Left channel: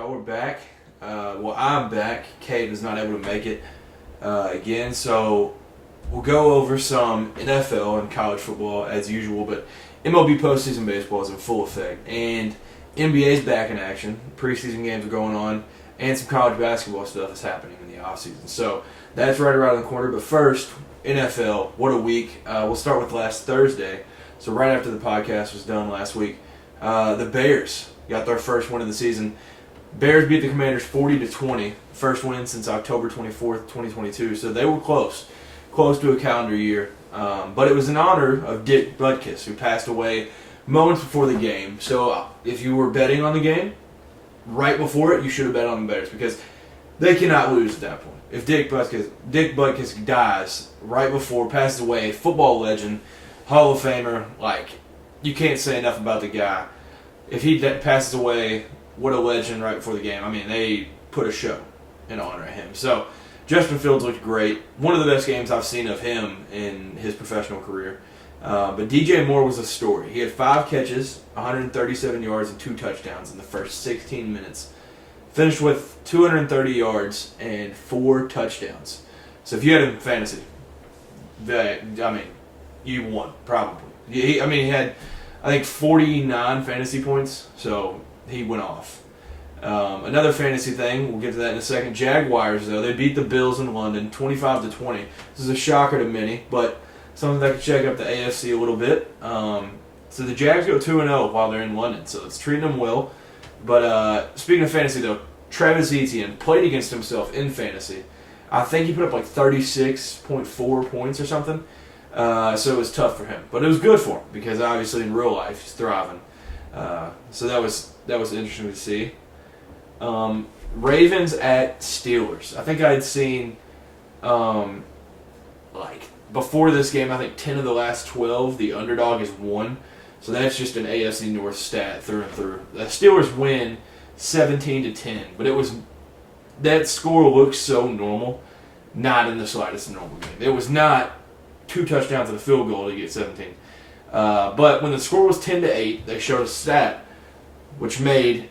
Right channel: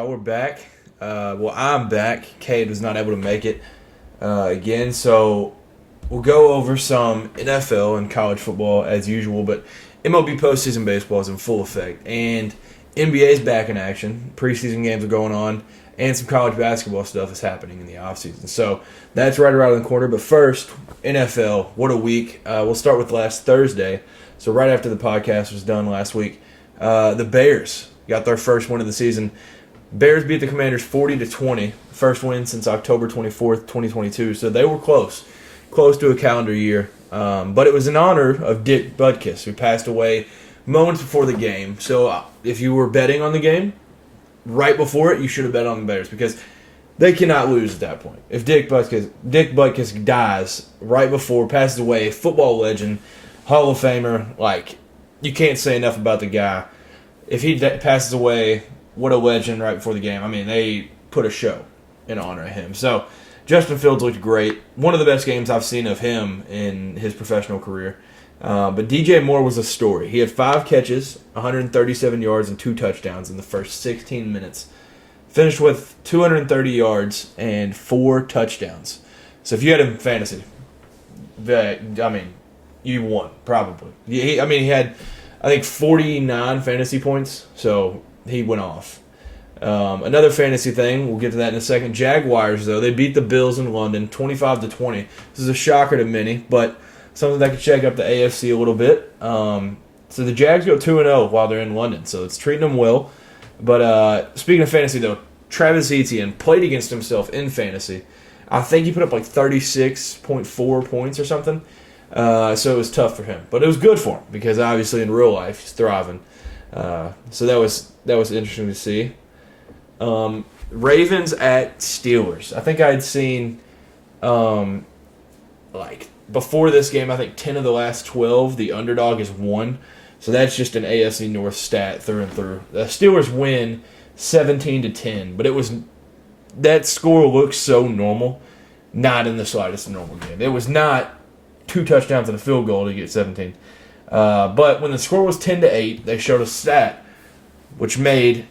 y'all? We're back. I'm back. Cade was not able to make it again, so we'll go over some NFL and college football as usual, but MLB postseason baseball is in full effect, and NBA's back in action. Preseason games are going on, and some college basketball stuff is happening in the offseason. So that's right around the corner. But first, NFL, what a week. We'll start with last Thursday. So right after the podcast was done last week, the Bears got their first win of the season. Bears beat the Commanders 40-20, first win since October 24th, 2022. So they were close to a calendar year. But it was in honor of Dick Butkus, who passed away moments before the game. So if you were betting on the game, right before it, you should have bet on the Bears because they cannot lose at that point. If Dick Butkus dies right before, passes away, a football legend, Hall of Famer, you can't say enough about the guy. If he passes away, what a legend right before the game. I mean, they put a show in honor of him. So Justin Fields looked great. One of the best games I've seen of him in his professional career. But DJ Moore was a story. He had 5 catches, 137 yards, and 2 touchdowns in the first 16 minutes. Finished with 230 yards and 4 touchdowns. So if you had him in fantasy, you won, probably. He had, I think, 49 fantasy points, so he went off. Another fantasy thing, we'll get to that in a second. Jaguars, though, they beat the Bills in London 25-20. This is a shocker to many, but something that could shake up the AFC a little bit. So the Jags go 2-0 while they're in London, so it's treating them well. But speaking of fantasy, though, Travis Etienne played against himself in fantasy. I think he put up 36.4 points or something. So it was tough for him. But it was good for him because obviously in real life he's thriving. So that was interesting to see. Ravens at Steelers. I think I had seen before this game, I think 10 of the last 12, the underdog is 1. So that's just an AFC North stat through and through. The Steelers win 17-10, but that score looks so normal, not in the slightest normal game. It was not 2 touchdowns and a field goal to get 17. But when the score was 10-8, they showed a stat which made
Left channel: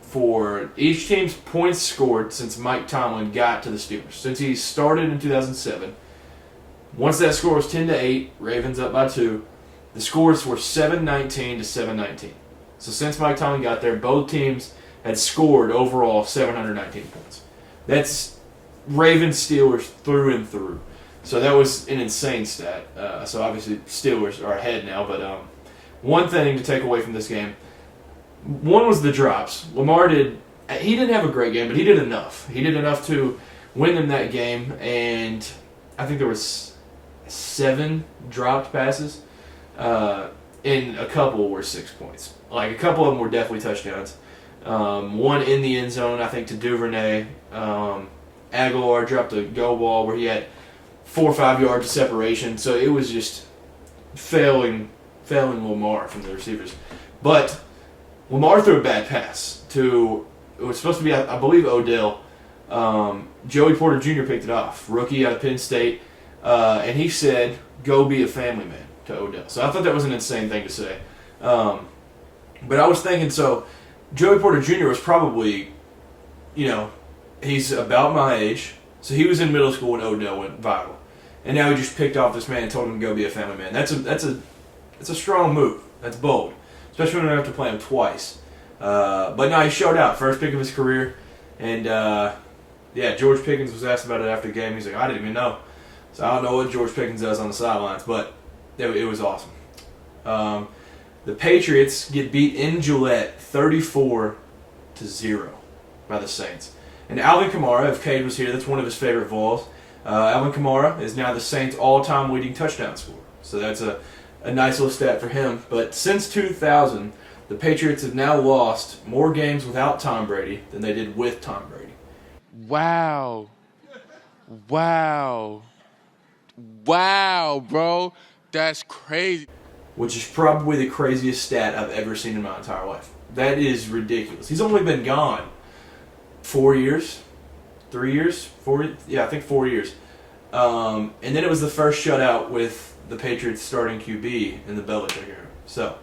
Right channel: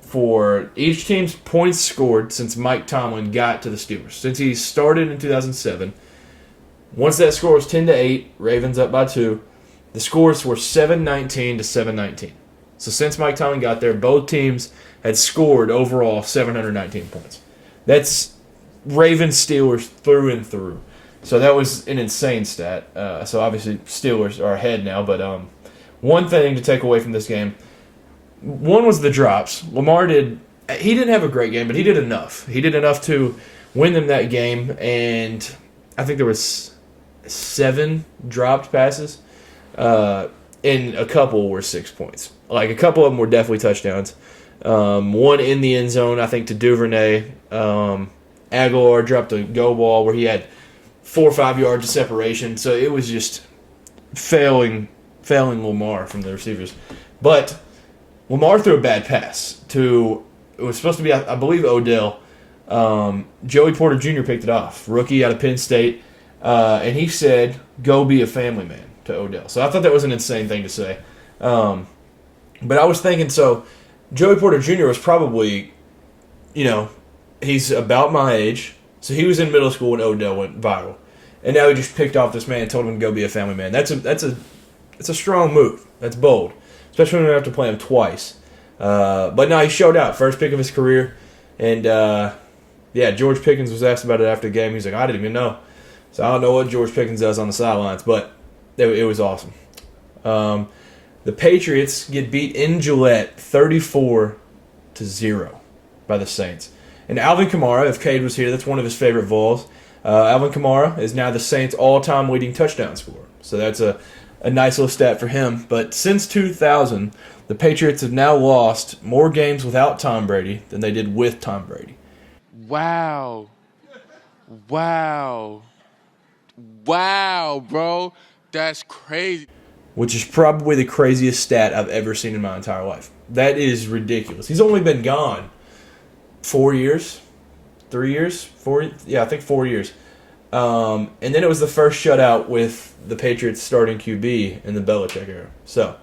for each team's points scored since Mike Tomlin got to the Steelers. Since he started in 2007, once that score was 10-8, Ravens up by 2, the scores were 7-19 to 7-19. So since Mike Tomlin got there, both teams had scored overall 719 points. That's Ravens Steelers through and through. So that was an insane stat. So obviously Steelers are ahead now. But one thing to take away from this game, one was the drops. Lamar he didn't have a great game, but he did enough. He did enough to win them that game. And I think there was 7 dropped passes. And a couple were 6 points. A couple of them were definitely touchdowns. One in the end zone, I think, to Duvernay. Aguilar dropped a go ball where he had 4 or 5 yards of separation. So it was just failing Lamar from the receivers. But Lamar threw a bad pass to, it was supposed to be, I believe, Odell. Joey Porter Jr. picked it off. Rookie out of Penn State. And he said, "Go be a family man," to Odell. So I thought that was an insane thing to say. But I was thinking, so Joey Porter Jr. was probably, he's about my age. So he was in middle school when Odell went viral. And now he just picked off this man and told him to go be a family man. That's a strong move. That's bold. Especially when we have to play him twice. But no, he showed out. First pick of his career. And, George Pickens was asked about it after the game. He's like, "I didn't even know." So I don't know what George Pickens does on the sidelines, but it was awesome. The Patriots get beat in Gillette 34-0 by the Saints. And Alvin Kamara, if Cade was here, that's one of his favorite Vols. Alvin Kamara is now the Saints' all-time leading touchdown scorer. So that's a nice little stat for him. But since 2000, the Patriots have now lost more games without Tom Brady than they did with Tom Brady. Wow, bro. That's crazy. Which is probably the craziest stat I've ever seen in my entire life. That is ridiculous. He's only been gone 4 years, 3 years, 4. Yeah, I think 4 years. And then it was the first shutout with the Patriots starting QB in the Belichick era. So,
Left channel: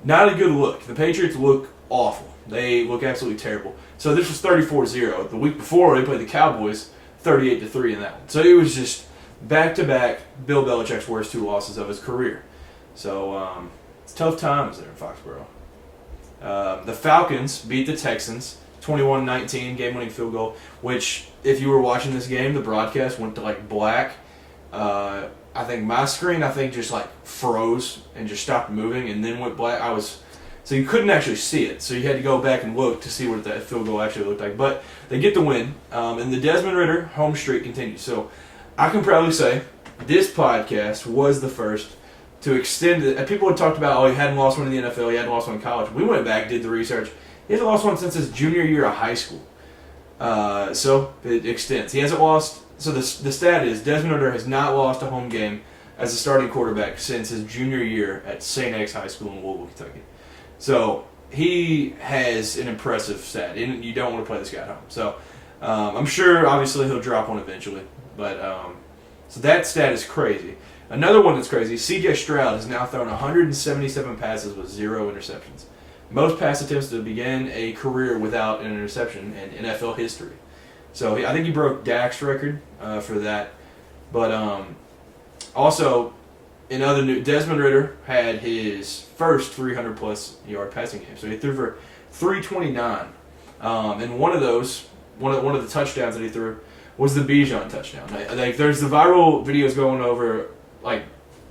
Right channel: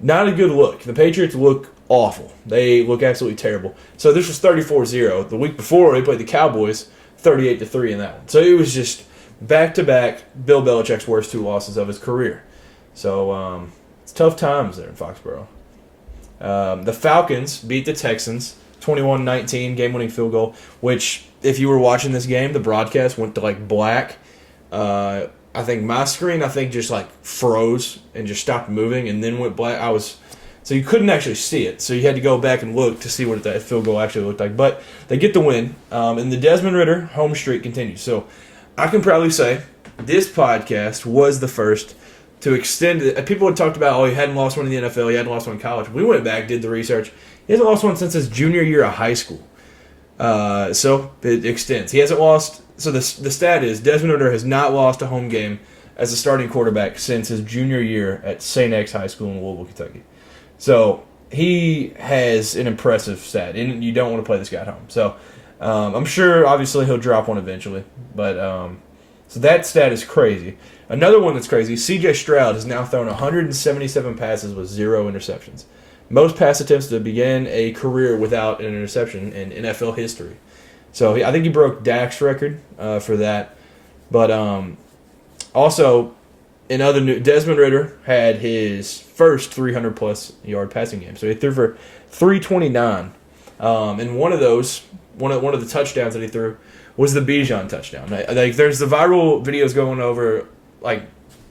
not a good look. The Patriots look awful. They look absolutely terrible. So this was 34-0. The week before, they played the Cowboys 38-3 in that one. So it was just back-to-back Bill Belichick's worst 2 losses of his career. So it's tough times there in Foxborough. The Falcons beat the Texans 21-19, game-winning field goal, which, if you were watching this game, the broadcast went to, black. I think my screen, just, froze and just stopped moving and then went black. So you couldn't actually see it. So you had to go back and look to see what that field goal actually looked like. But they get the win, and the Desmond Ridder home streak continues. So I can proudly say this podcast was the first to extend it. People had talked about, he hadn't lost one in the NFL, he hadn't lost one in college. We went back, did the research. He hasn't lost one since his junior year of high school. So it extends. He hasn't lost. So the stat is Desmond Ridder has not lost a home game as a starting quarterback since his junior year at St. X High School in Louisville, Kentucky. So he has an impressive stat, and you don't want to play this guy at home. So I'm sure, obviously, he'll drop one eventually. But so that stat is crazy. Another one that's crazy, C.J. Stroud has now thrown 177 passes with 0 interceptions. Most pass attempts to begin a career without an interception in NFL history. So I think he broke Dak's record for that. But also, in other news, Desmond Ridder had his first 300-plus yard passing game. So he threw for 329. And one of the touchdowns that he threw was the Bijan touchdown. There's the viral videos going over,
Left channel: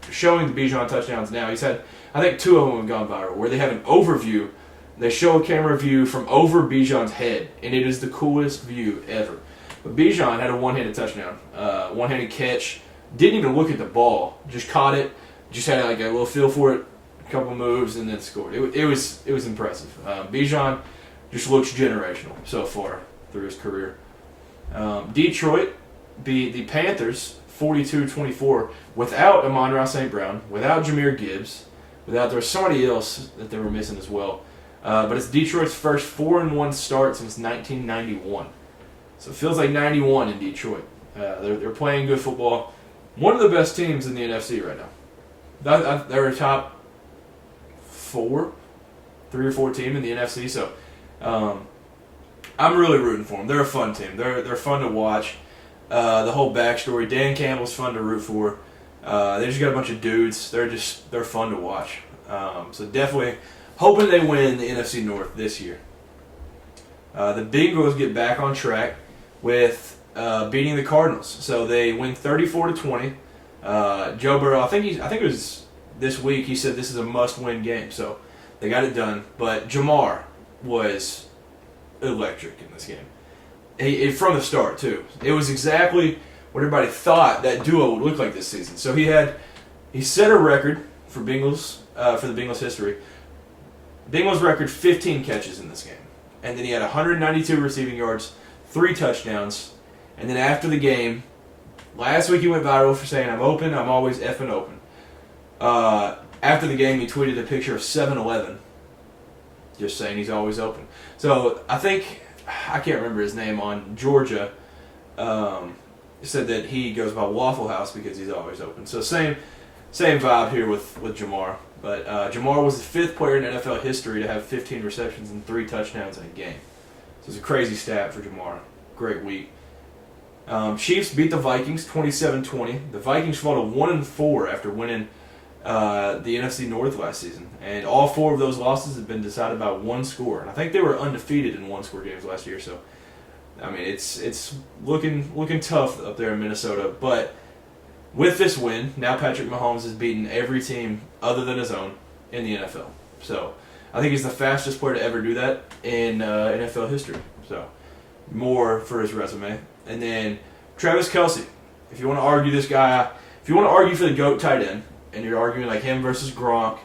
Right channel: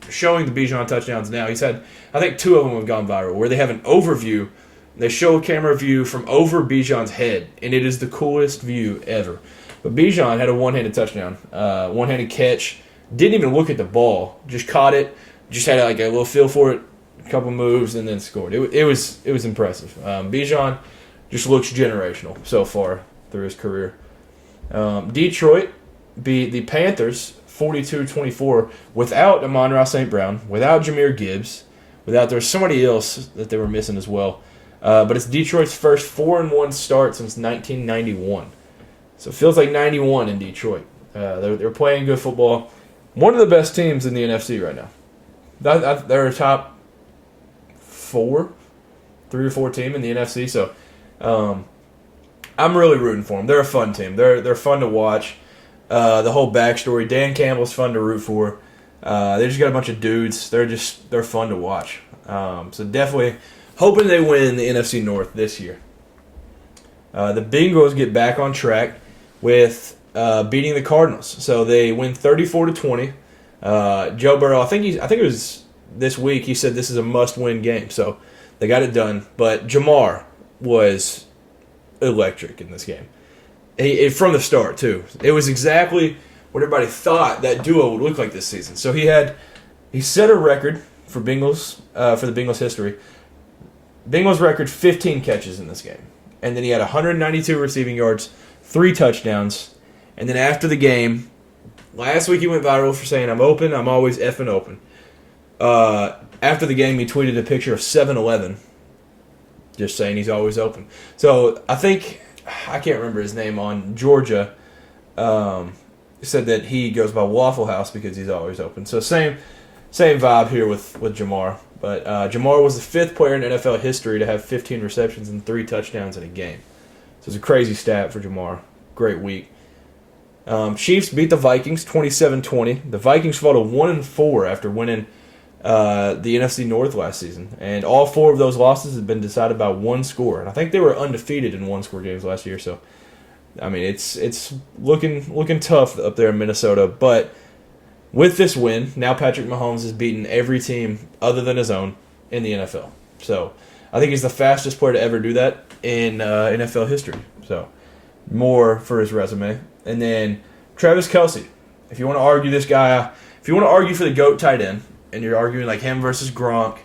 showing the Bijan touchdowns now. He's had, I think 2 of them have gone viral, where they have an overview. They show a camera view from over Bijan's head, and it is the coolest view ever. But Bijan had a one-handed touchdown, one-handed catch, didn't even look at the ball, just caught it, just had a little feel for it, a couple moves, and then scored. It was impressive. Bijan just looks generational so far through his career. Detroit beat the Panthers 42-24 without Amon-Ra St. Brown, without Jahmyr Gibbs, there's somebody else that they were missing as well. But it's Detroit's first 4-1 start since 1991. So it feels like 91 in Detroit. They're playing good football. One of the best teams in the NFC right now. They're a top 3 or 4 team in the NFC. So I'm really rooting for them. They're a fun team. They're fun to watch. The whole backstory. Dan Campbell's fun to root for. They just got a bunch of dudes. They're fun to watch. So definitely hoping they win the NFC North this year. The Bengals get back on track with beating the Cardinals. So they win 34-20. Joe Burrow, I think it was this week, he said this is a must-win game. So they got it done. But Jamar was electric in this game. From the start, too. It was exactly what everybody thought that duo would look like this season. So he set a record for the Bengals history. Bengals record 15 catches in this game. And then he had 192 receiving yards, 3 touchdowns. And then after the game, last week he went viral for saying, "I'm open, I'm always effing open." After the game, he tweeted a picture of 7-Eleven, just saying he's always open. So I can't remember his name, on Georgia, said that he goes by Waffle House because he's always open. So same vibe here with Jamar. But Jamar was the 5th player in NFL history to have 15 receptions and 3 touchdowns in a game. So it's a crazy stat for Jamar. Great week. Chiefs beat the Vikings 27-20. The Vikings fell to 1-4 after winning the NFC North last season. And all 4 of those losses have been decided by 1 score. And I think they were undefeated in 1-score games last year. So, I mean, it's looking tough up there in Minnesota. But with this win, now Patrick Mahomes has beaten every team other than his own in the NFL. So I think he's the fastest player to ever do that in NFL history. So more for his resume. And then Travis Kelce. If you want to argue this guy, if you want to argue for the GOAT tight end, and you're arguing like him versus Gronk,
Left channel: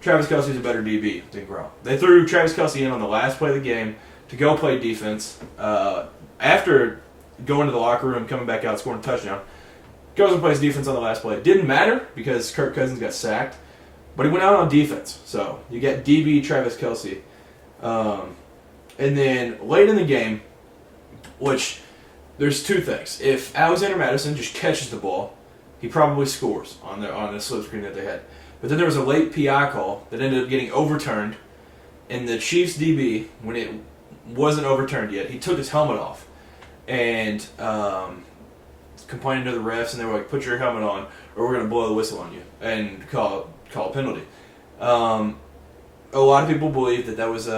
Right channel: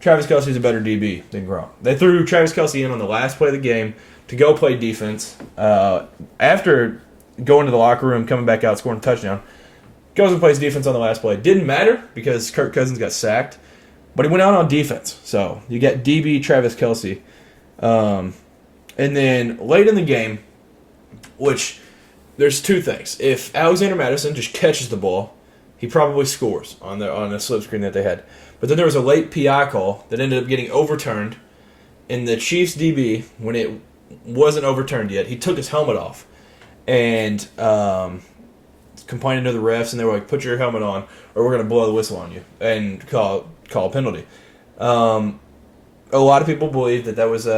Travis Kelce's a better DB than Gronk. They threw Travis Kelce in on the last play of the game to go play defense. After going to the locker room, coming back out, scoring a touchdown, goes and plays defense on the last play. Didn't matter because Kirk Cousins got sacked, but he went out on defense. So you get DB Travis Kelce. And then late in the game, which there's 2 things. If Alexander Madison just catches the ball, he probably scores on the slip screen that they had. But then there was a late PI call that ended up getting overturned, And the Chiefs DB, when it wasn't overturned yet, he took his helmet off and complaining to the refs, and they were like, "Put your helmet on, or we're going to blow the whistle on you and call a penalty." A lot of people believe that was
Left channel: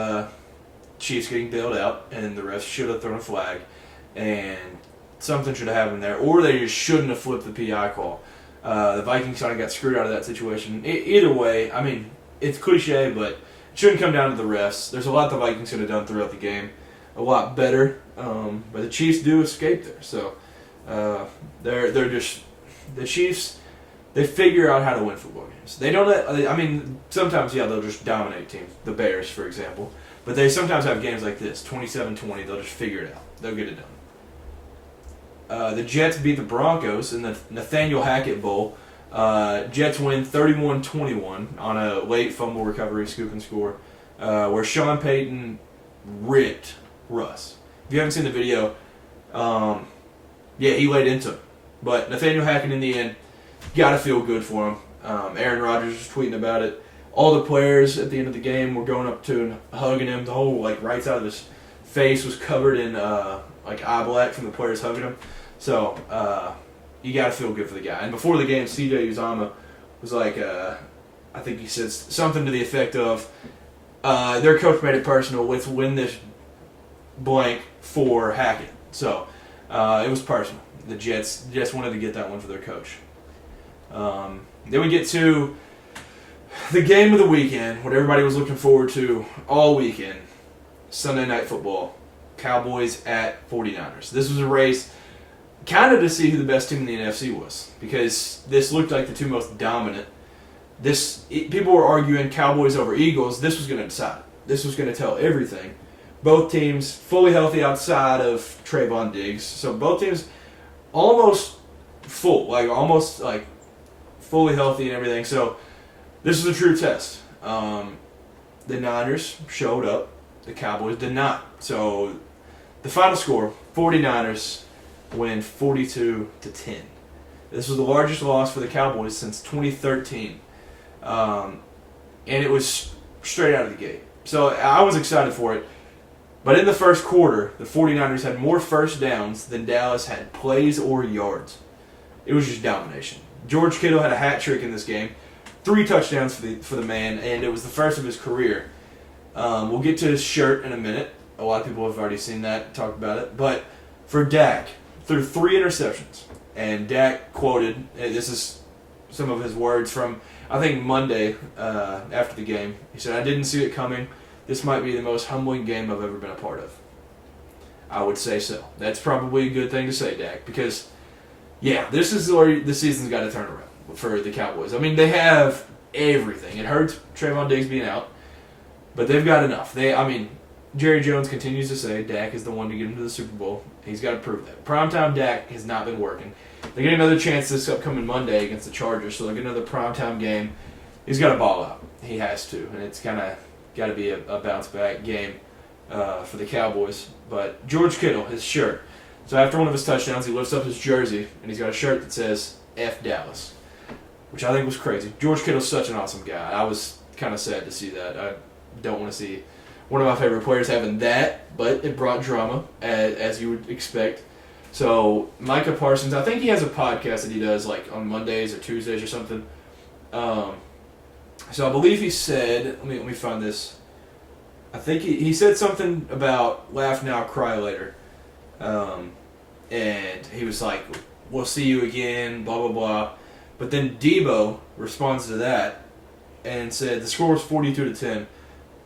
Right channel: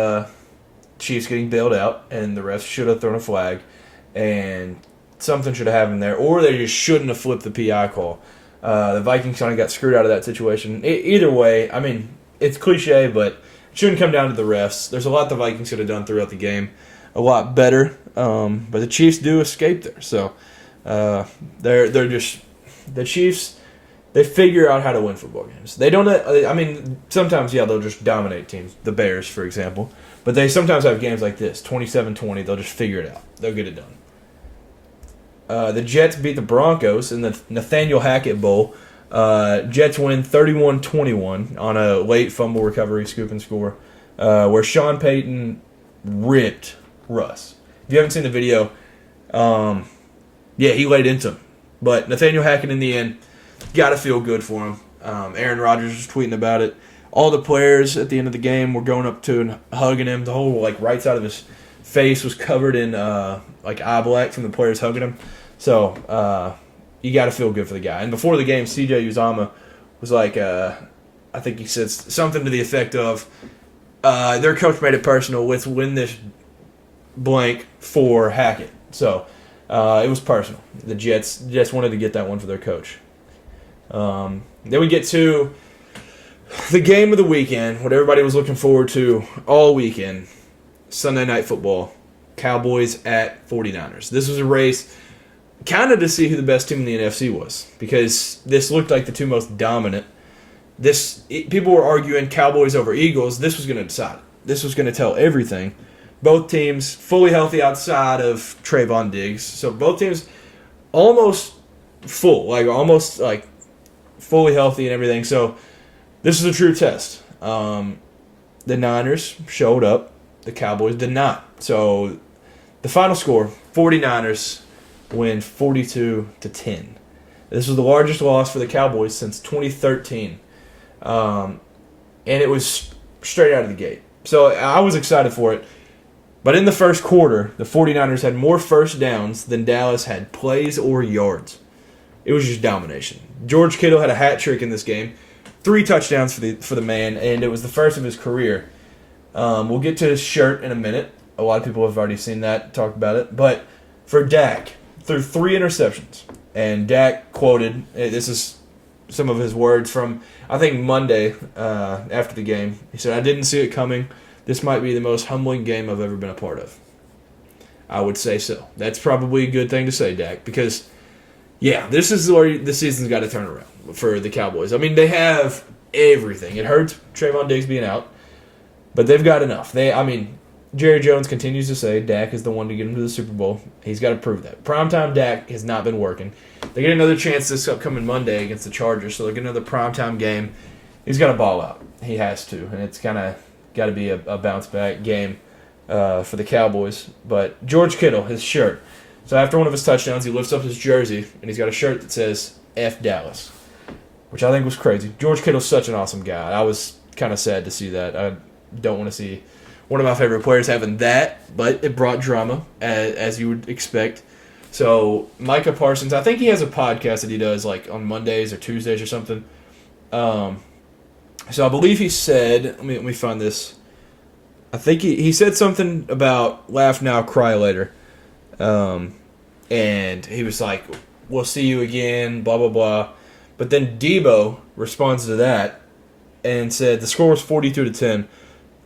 Chiefs getting bailed out, and the refs should have thrown a flag, and something should have happened there, or they just shouldn't have flipped the PI call. The Vikings kind of got screwed out of that situation. Either way, I mean, it's cliche, but it shouldn't come down to the refs. There's a lot the Vikings could have done throughout the game, a lot better, but the Chiefs do escape there. So they're just the Chiefs. They figure out how to win football games. They don't. I mean, sometimes they'll just dominate teams. The Bears, for example, but they sometimes have games like this, 27-20. They'll just figure it out. They'll get it done. The Jets beat the Broncos in the Nathaniel Hackett Bowl. Jets win 31-21 on a late fumble recovery, scoop and score, where Sean Payton ripped Russ. If you haven't seen the video, he laid into him. But Nathaniel Hackett, in the end, got to feel good for him. Aaron Rodgers was tweeting about it. All the players at the end of the game were going up to and hugging him. The whole right side of his face was covered in eye black from the players hugging him. So you got to feel good for the guy. And before the game, C.J. Uzomah was like, I think he said something to the effect of, their coach made it personal with win this blank for Hackett. So it was personal. The Jets wanted to get that one for their coach. Then we get to the game of the weekend, what everybody was looking forward to all weekend, Sunday Night Football, Cowboys at 49ers. This was a race kind of to see who the best team in the NFC was, because this looked like the two most dominant. People were arguing Cowboys over Eagles. This was going to decide it. This was going to tell everything. Both teams fully healthy outside of Trayvon Diggs. So both teams almost full, almost fully healthy and everything. So this is a true test. The Niners showed up. The Cowboys did not. So the final score, 49ers win 42-10. This was the largest loss for the Cowboys since 2013. And it was straight out of the gate. So I was excited for it. But in the first quarter, the 49ers had more first downs than Dallas had plays or yards. It was just domination. George Kittle had a hat trick in this game. 3 touchdowns for the man, and it was the first of his career. We'll get to his shirt in a minute. A lot of people have already seen that, talked about it. But for Dak, threw 3 interceptions. And Dak quoted, this is some of his words from, I think, Monday after the game. He said, "I didn't see it coming. This might be the most humbling game I've ever been a part of." I would say so. That's probably a good thing to say, Dak, because, this is where the season's got to turn around for the Cowboys. I mean, they have everything. It hurts Trayvon Diggs being out, but they've got enough. Jerry Jones continues to say Dak is the one to get him to the Super Bowl. He's got to prove that. Primetime Dak has not been working. They get another chance this upcoming Monday against the Chargers, so they get another primetime game. He's got to ball out. He has to, and it's kind of got to be a bounce-back game for the Cowboys. But George Kittle, his shirt. So after one of his touchdowns, he lifts up his jersey, and he's got a shirt that says F Dallas, which I think was crazy. George Kittle's such an awesome guy. I was kind of sad to see that. I don't want to see one of my favorite players having that, but it brought drama, as you would expect. So Micah Parsons, I think he has a podcast that he does on Mondays or Tuesdays or something. So I believe he said, let me find this. I think he said something about laugh now, cry later. And he was like, "We'll see you again, blah, blah, blah." But then Debo responds to that and said, "The score was 42-10.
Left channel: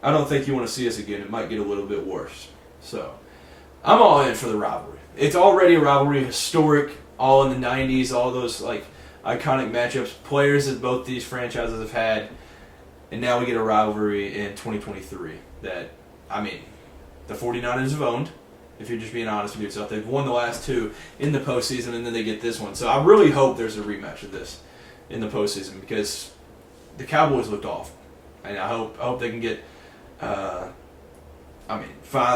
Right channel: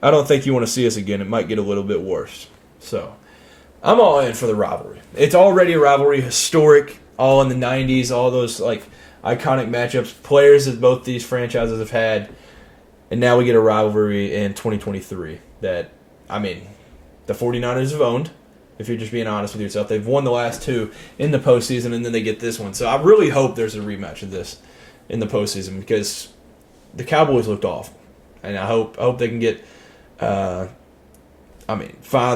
I don't think you want to see us again. It might get a little bit worse." So I'm all in for the rivalry. It's already a rivalry, historic, all in the 90s, all those iconic matchups, players that both these franchises have had. And now we get a rivalry in 2023 that, the 49ers have owned, if you're just being honest with yourself. They've won the last 2 in the postseason, and then they get this one. So I really hope there's a rematch of this in the postseason, because the Cowboys looked awful. And I hope they can get, find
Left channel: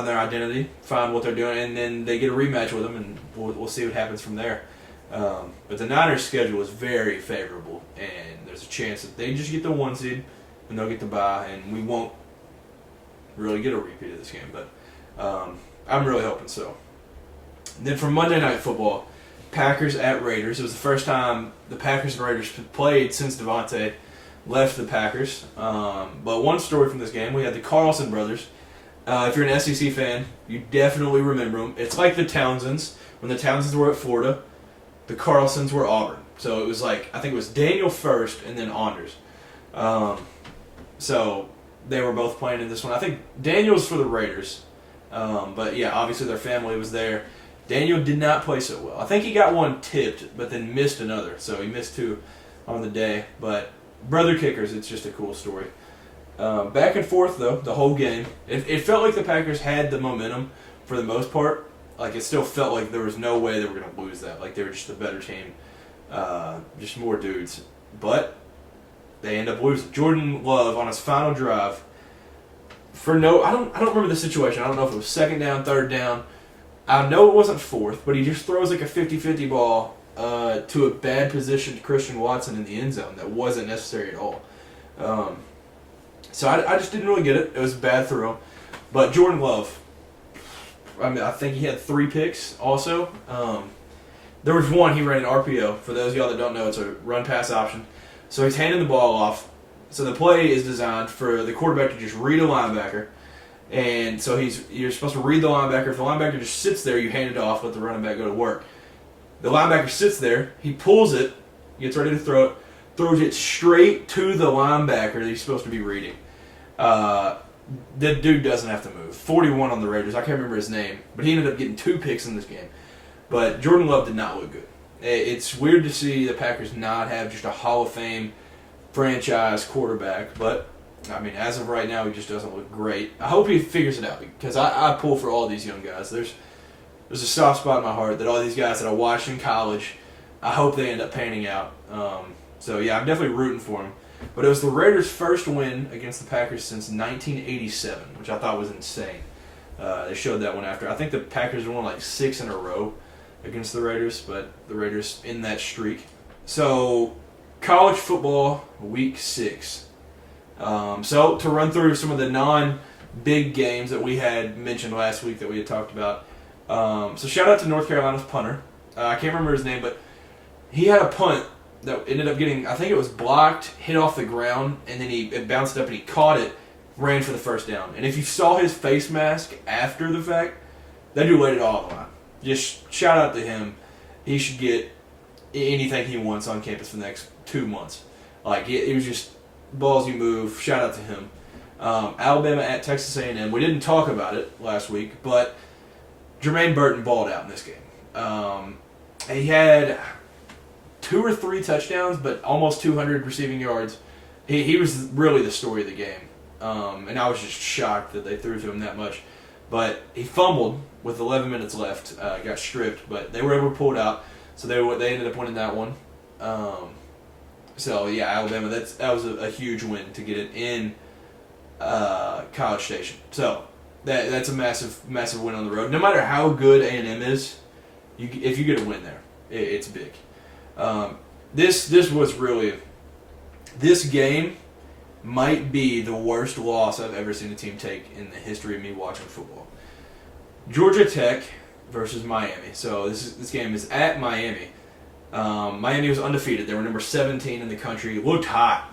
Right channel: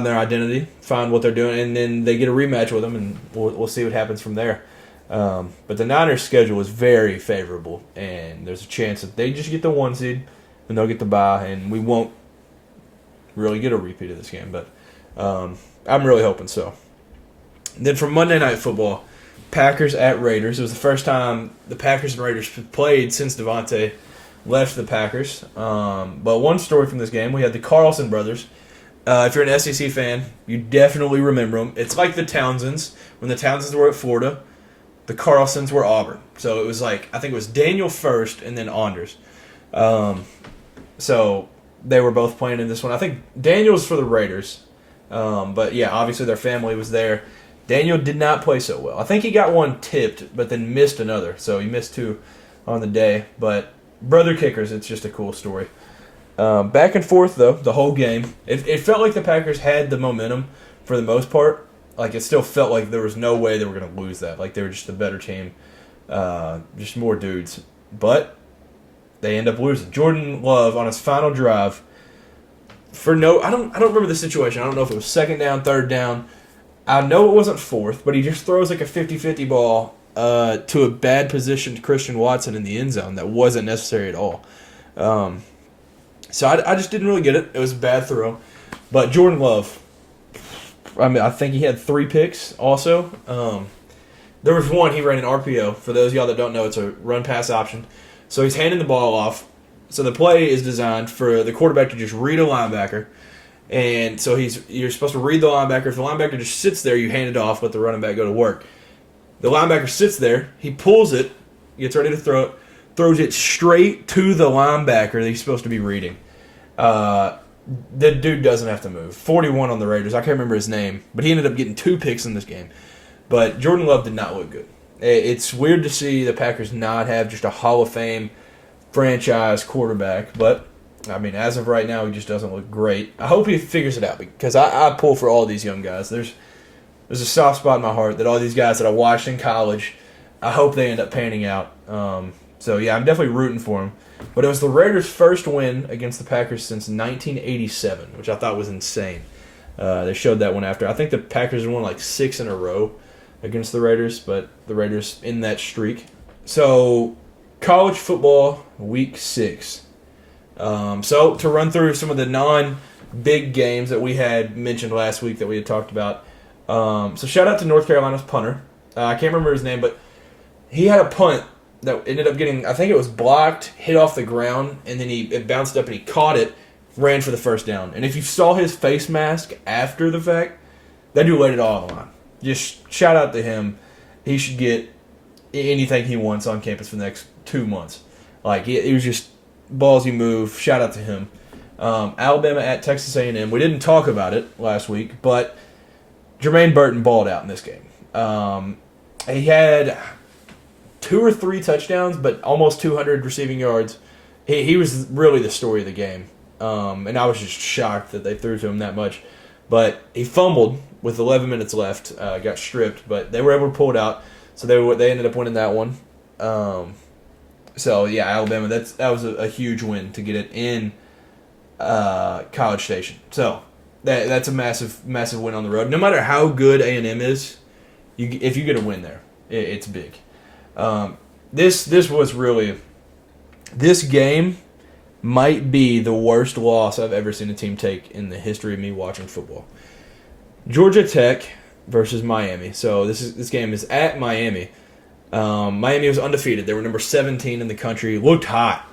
their identity, find what they're doing, and then they get a rematch with them, and we'll see what happens from there. But the Niners' schedule is very favorable, and there's a chance that they just get the 1 seed, and they'll get the bye, and we won't really get a repeat of this game, but I'm really hoping so. Then for Monday Night Football, Packers at Raiders. It was the first time the Packers and Raiders played since Devontae left the Packers. But one story from this game, we had the Carlson brothers. If you're an SEC fan, you definitely remember them. It's like the Townsends. When the Townsends were at Florida, the Carlsons were Auburn. So it was like, I think it was Daniel first and then Anders. So they were both playing in this one. I think Daniel's for the Raiders. But yeah, obviously their family was there. Daniel did not play so well. I think he got one tipped, but then missed another. So he missed two on the day. But brother kickers, it's just a cool story. Back and forth, though, the whole game. It felt like the Packers had the momentum for the most part. Like, it still felt like there was no way they were going to lose that. Like, they were just a better team. Just more dudes. But they end up losing. Jordan Love, on his final drive, I don't remember the situation. I don't know if it was second down, third down. I know it wasn't fourth, but he just throws like a 50-50 ball to a bad positioned Christian Watson in the end zone that wasn't necessary at all. So I just didn't really get it. It was a bad throw. But Jordan Love, I think he had 3 picks also. There was one, he ran an RPO. For those of y'all that don't know, it's a run-pass option. So he's handing the ball off. So the play is designed for the quarterback to just read a linebacker. And so you're supposed to read the linebacker. If the linebacker just sits there, you hand it off, let the running back go to work. The linebacker sits there, he pulls it, gets ready to throw it, throws it straight to the linebacker that he's supposed to be reading. The dude doesn't have to move. 41 on the Raiders. I can't remember his name, but he ended up getting 2 picks in this game. But Jordan Love did not look good. It's weird to see the Packers not have just a Hall of Fame franchise quarterback, but I mean, as of right now, he just doesn't look great. I hope he figures it out because I pull for all these young guys. There's a soft spot in my heart that all these guys that I watched in college, I hope they end up panning out. So, yeah, I'm definitely rooting for him. But it was the Raiders' first win against the Packers since 1987, which I thought was insane. They showed that one after. I think the Packers won like 6 in a row against the Raiders, but the Raiders in that streak. So, college football, week 6. So, to run through some of the non-big games that we had mentioned last week that we had talked about. So, shout out to North Carolina's punter. I can't remember his name, but he had a punt that ended up getting, I think it was blocked, hit off the ground, and then it bounced up and he caught it, ran for the first down. And if you saw his face mask after the fact, that dude laid it all on the line. Just shout out to him. He should get anything he wants on campus for the next 2 months. Like, it was just ballsy move. Shout out to him. Alabama at Texas A&M. We didn't talk about it last week, but Jermaine Burton balled out in this game. He had 2 or 3 touchdowns, but almost 200 receiving yards. He was really the story of the game. And I was just shocked that they threw to him that much. But he fumbled with 11 minutes left, got stripped, but they were able to pull it out. So they ended up winning that one. So yeah, Alabama, that was a huge win to get it in College Station. So that's a massive win on the road. No matter how good A&M is, if you get a win there, it's big. This game might be the worst loss I've ever seen a team take in the history of me watching football. Georgia Tech versus Miami. So this game is at Miami. Miami was undefeated. They were number 17 in the country. Looked hot.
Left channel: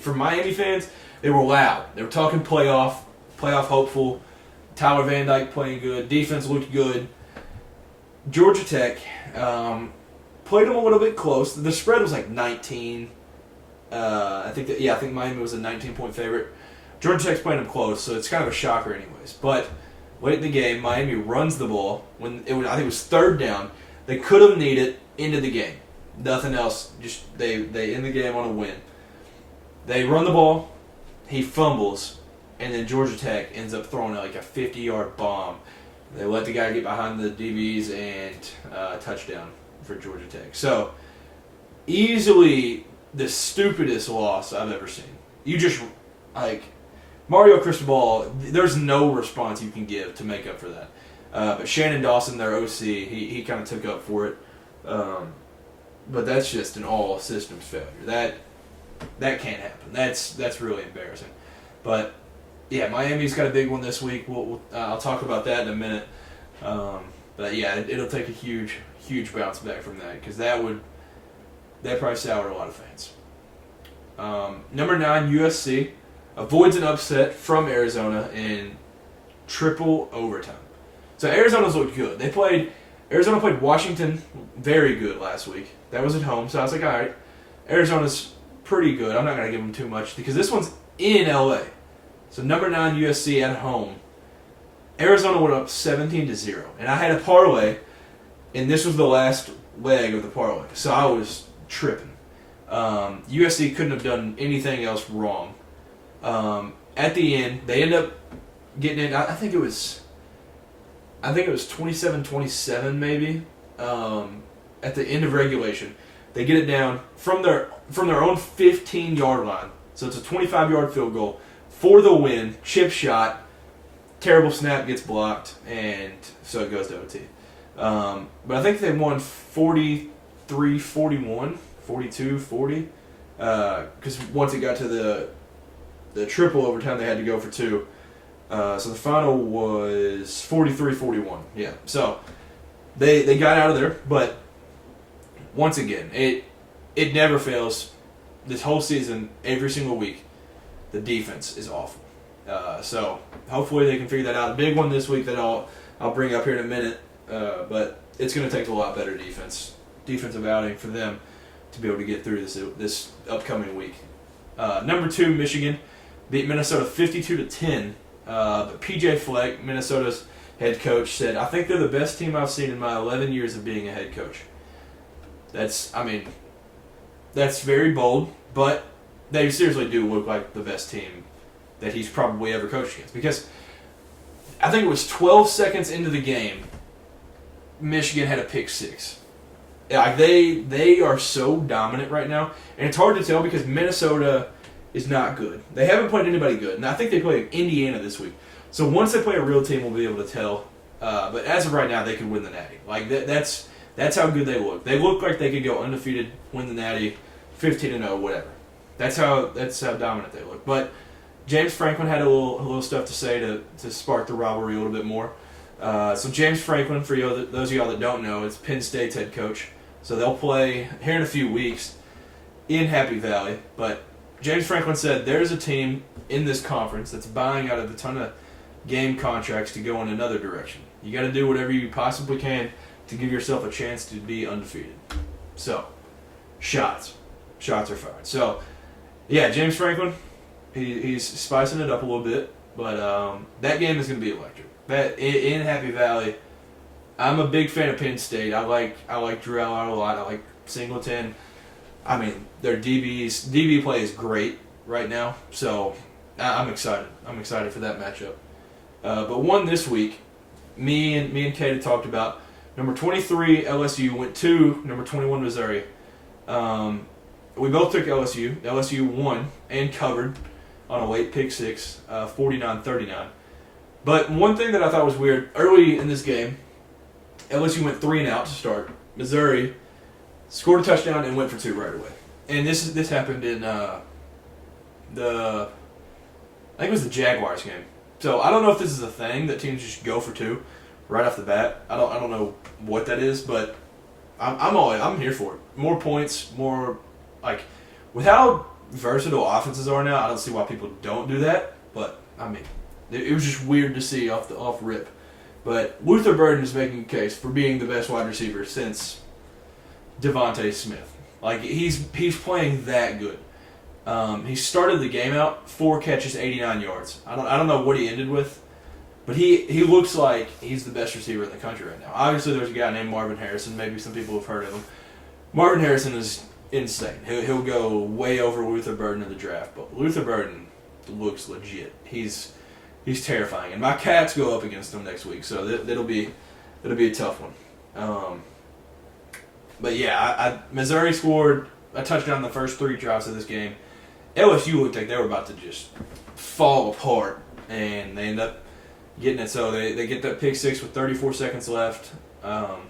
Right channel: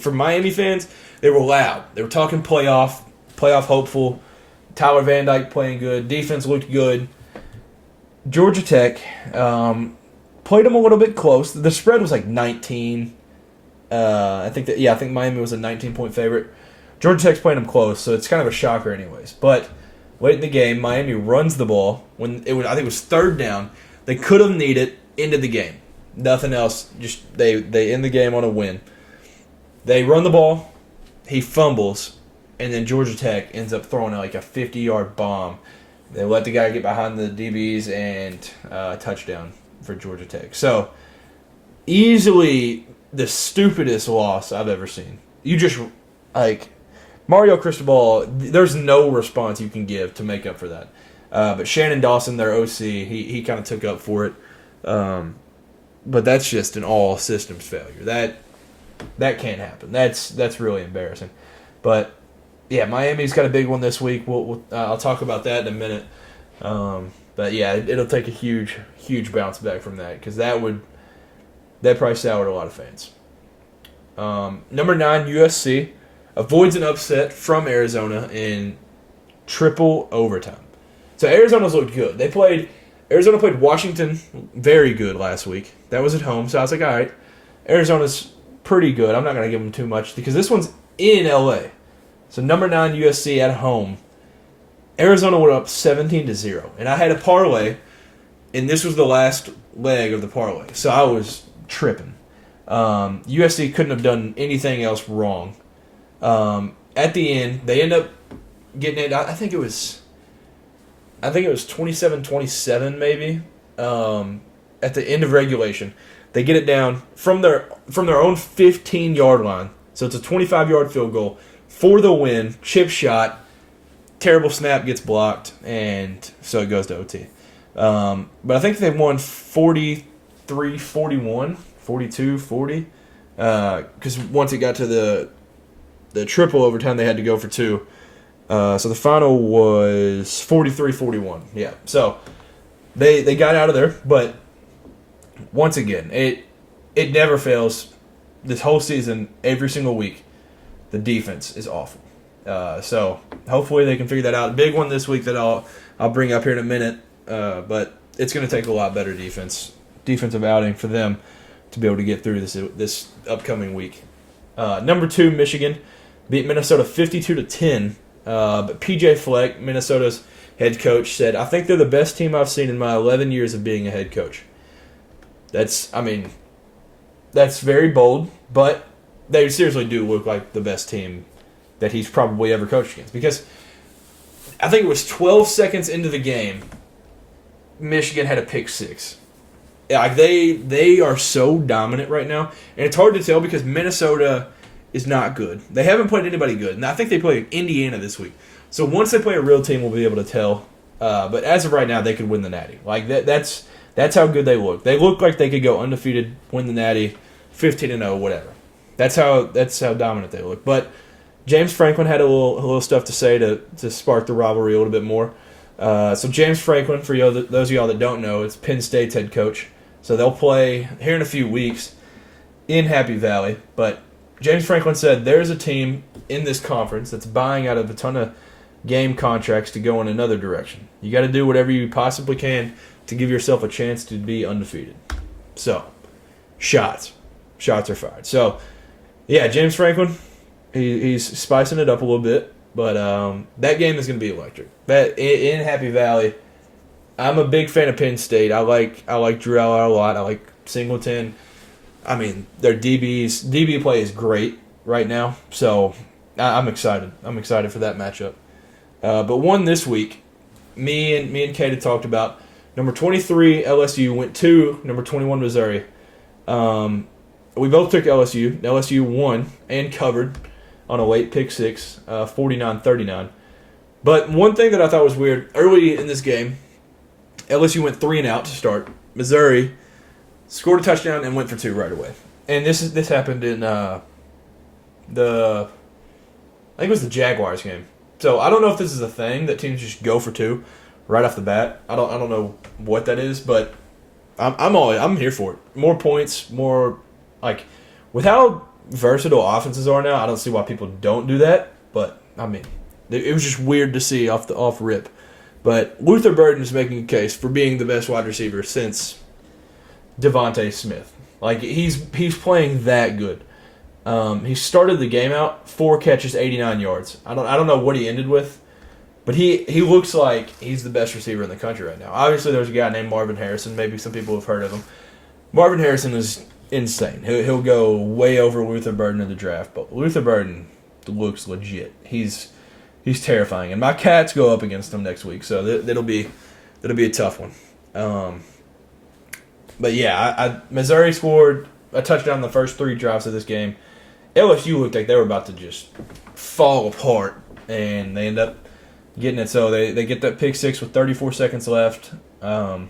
For Miami fans, they were loud. They were talking playoff hopeful. Tyler Van Dyke playing good. Defense looked good. Georgia Tech played them a little bit close. The spread was like 19. I think Miami was a 19-point favorite. Georgia Tech's playing them close, so it's kind of a shocker anyways. But late in the game, Miami runs the ball. I think it was third down. They could have needed into the game. Nothing else. Just they end the game on a win. They run the ball. He fumbles, and then Georgia Tech ends up throwing like a 50-yard bomb. They let the guy get behind the DBs and touchdown for Georgia Tech. So easily the stupidest loss I've ever seen. You just, like, Mario Cristobal, there's no response you can give to make up for that. But Shannon Dawson, their OC, he kind of took up for it. But that's just an all systems failure. That can't happen. That's really embarrassing. But yeah, Miami's got a big one this week. I'll talk about that in a minute. But yeah, it'll take a huge bounce back from that because that probably soured a lot of fans. Number 9, USC avoids an upset from Arizona in triple overtime. So Arizona's looked good. Arizona played Washington very good last week. That was at home, so I was like, all right, Arizona's pretty good. I'm not going to give them too much because this one's in LA. So number 9 USC at home. Arizona went up 17-0, and I had a parlay, and this was the last leg of the parlay, so I was tripping. USC couldn't have done anything else wrong. At the end, they end up getting it. I think it was 27-27 maybe. At the end of regulation, they get it down from their own 15-yard line. So it's a 25-yard field goal for the win. Chip shot. Terrible snap gets blocked, and so it goes to OT. But I think they won 43-41, 42-40. Because once it got to the triple overtime, they had to go for 2. So the final was 43-41. Yeah. So they got out of there, but once again, it never fails. This whole season, every single week, the defense is awful. So hopefully they can figure that out. Big one this week that I'll bring up here in a minute. But it's going to take a lot better defensive outing for them to be able to get through this upcoming week. Number 2, Michigan beat Minnesota 52-10. But PJ Fleck, Minnesota's head coach, said, "I think they're the best team I've seen in my 11 years of being a head coach." That's very bold, but they seriously do look like the best team that he's probably ever coached against. Because I think it was 12 seconds into the game, Michigan had a pick 6. Like they are so dominant right now, and it's hard to tell because Minnesota is not good. They haven't played anybody good, and I think they play Indiana this week. So once they play a real team, we'll be able to tell. But as of right now, they could win the Natty. Like that's how good they look. They look like they could go undefeated, win the Natty, 15-0, whatever. That's how dominant they look. But James Franklin had a little stuff to say to spark the rivalry a little bit more. So James Franklin, for those of y'all that don't know, is Penn State's head coach. So they'll play here in a few weeks in Happy Valley. But James Franklin said there's a team in this conference that's buying out of a ton of game contracts to go in another direction. You got to do whatever you possibly can to give yourself a chance to be undefeated. So, shots are fired. So, yeah, James Franklin, he's spicing it up a little bit, but that game is going to be electric. That in Happy Valley, I'm a big fan of Penn State. I like Drew Aller a lot. I like Singleton. I mean, their DB play is great right now, so I'm excited. I'm excited for that matchup. But one this week, me and Kate had talked about. Number 23 LSU went to number 21 Missouri. We both took LSU. LSU won and covered on a late pick 6, 49-39. But one thing that I thought was weird, early in this game, LSU went 3-and-out to start. Missouri scored a touchdown and went for 2 right away. And this happened in I think it was the Jaguars game. So I don't know if this is a thing that teams just go for 2 right off the bat. I don't know what that is, but I'm here for it. More points, more like with how versatile offenses are now. I don't see why people don't do that. But I mean, it was just weird to see off rip. But Luther Burden is making a case for being the best wide receiver since Devontae Smith. Like he's playing that good. He started the game out 4 catches, 89 yards. I don't know what he ended with, but he looks like he's the best receiver in the country right now. Obviously, there's a guy named Marvin Harrison. Maybe some people have heard of him. Marvin Harrison is insane. He'll go way over Luther Burden in the draft, but Luther Burden looks legit. He's terrifying, and my Cats go up against him next week, so that'll be a tough one. But yeah, Missouri scored a touchdown in the first 3 drives of this game. LSU looked like they were about to just fall apart, and they end up getting it. So they get that pick 6 with 34 seconds left. But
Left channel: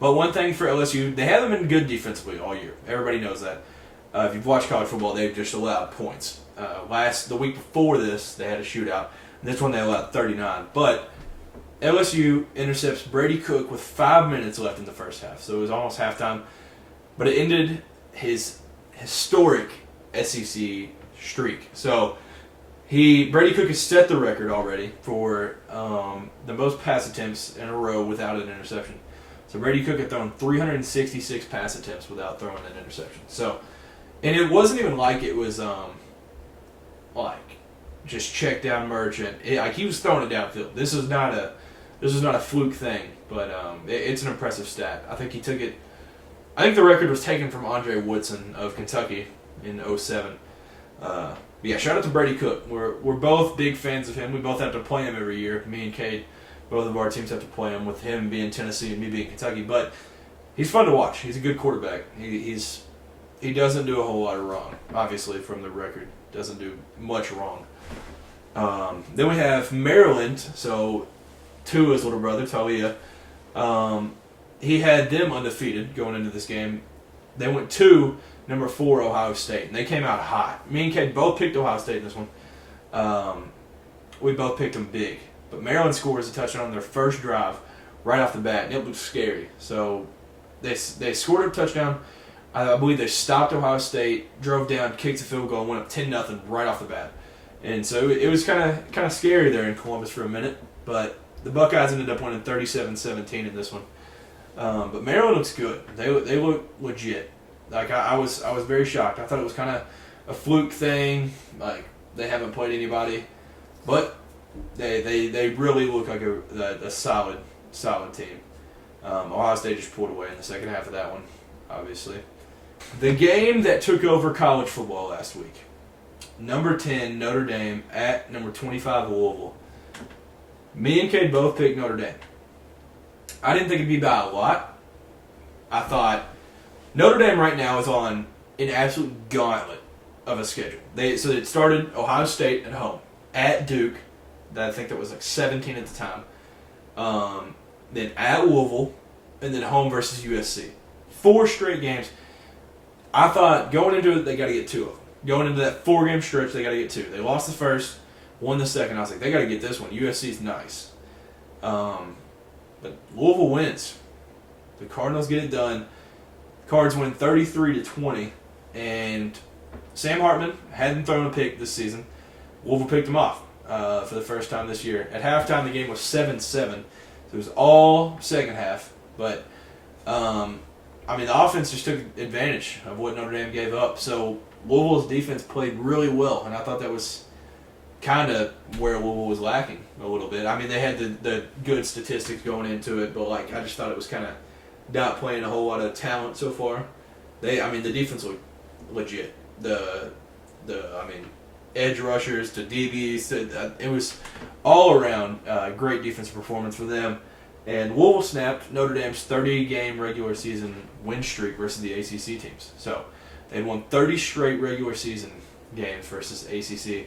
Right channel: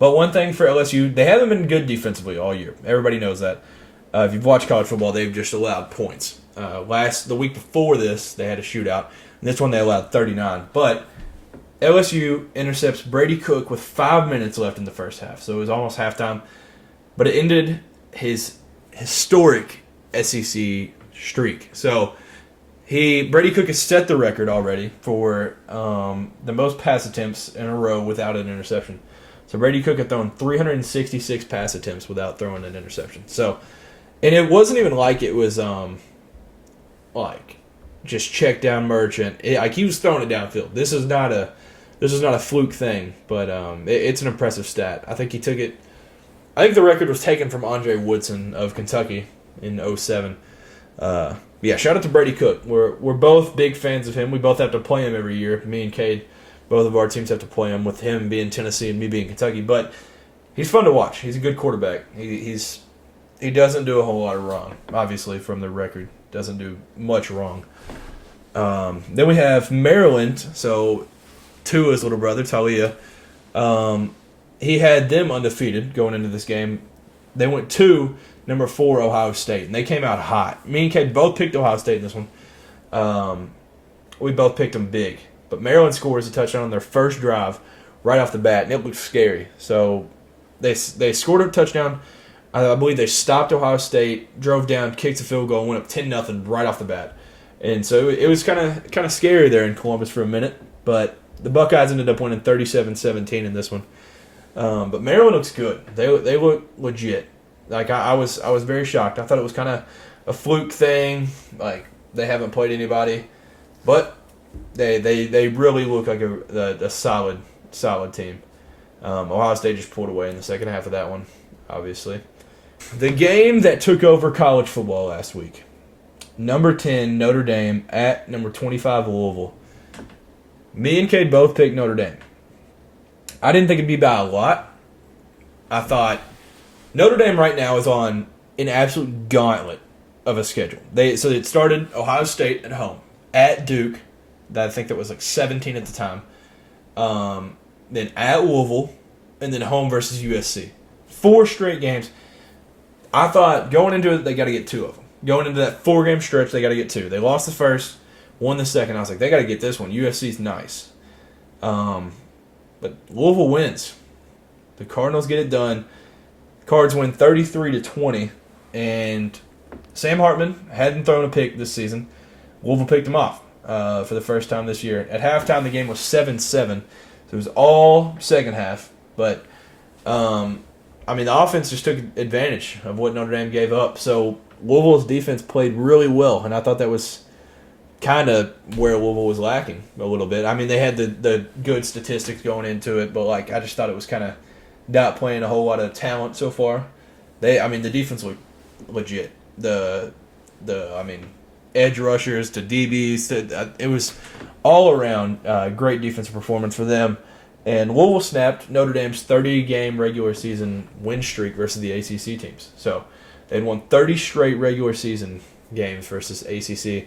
one thing for LSU, they haven't been good defensively all year. Everybody knows that. If you've watched college football, they've just allowed points. The week before this, they had a shootout. And this one, they allowed 39. But LSU intercepts Brady Cook with 5 minutes left in the first half. So it was almost halftime. But it ended his historic SEC streak. So Brady Cook has set the record already for the most pass attempts in a row without an interception. So Brady Cook had thrown 366 pass attempts without throwing an interception. So, and it wasn't even like it was just check down merchant. He was throwing it downfield. This is not a fluke thing, but it's an impressive stat. I think he took it. I think the record was taken from Andre Woodson of Kentucky in 2007. Yeah, shout out to Brady Cook. We're both big fans of him. We both have to play him every year. Me and Cade, both of our teams have to play him, with him being Tennessee and me being Kentucky. But he's fun to watch. He's a good quarterback. He doesn't do a whole lot of wrong. Obviously, from the record, doesn't do much wrong. Then we have Maryland. So Tua's little brother, Talia. He had them undefeated going into this game. They went to number 4 Ohio State, and they came out hot. Me and Kate both picked Ohio State in this one. We both picked them big. But Maryland scores a touchdown on their first drive right off the bat, and it looked scary. So they scored a touchdown. I believe they stopped Ohio State, drove down, kicked a field goal, and went up 10-0 right off the bat. And so it was kind of scary there in Columbus for a minute. But the Buckeyes ended up winning 37-17 in this one. But Maryland looks good. They look legit. Like I was very shocked. I thought it was kind of a fluke thing. Like they haven't played anybody, but they really look like a solid team. Ohio State just pulled away in the second half of that one, obviously. The game that took over college football last week. Number 10 Notre Dame at number 25 Louisville. Me and Cade both picked Notre Dame. I didn't think it'd be by a lot. I thought Notre Dame right now is on an absolute gauntlet of a schedule. So it started Ohio State at home, at Duke, I think that was like 17 at the time, then at Louisville, and then home versus USC. 4 straight games. I thought going into it, they got to get 2 of them. Going into that 4-game stretch, they got to get 2. They lost the first, won the second. I was like, they got to get this one. USC's nice. But Louisville wins. The Cardinals get it done. Cards win 33-20, and Sam Hartman hadn't thrown a pick this season. Louisville picked him off for the first time this year. At halftime, the game was 7-7, so it was all second half. But the offense just took advantage of what Notre Dame gave up. So Louisville's defense played really well, and I thought that was kind of where Louisville was lacking a little bit. I mean, they had the good statistics going into it, but I just thought it was kind of not playing a whole lot of talent so far. The defense looked legit. The edge rushers to DBs, it was all around great defensive performance for them. And Louisville snapped Notre Dame's 30-game regular season win streak versus the ACC teams. So they'd won 30 straight regular season games versus ACC,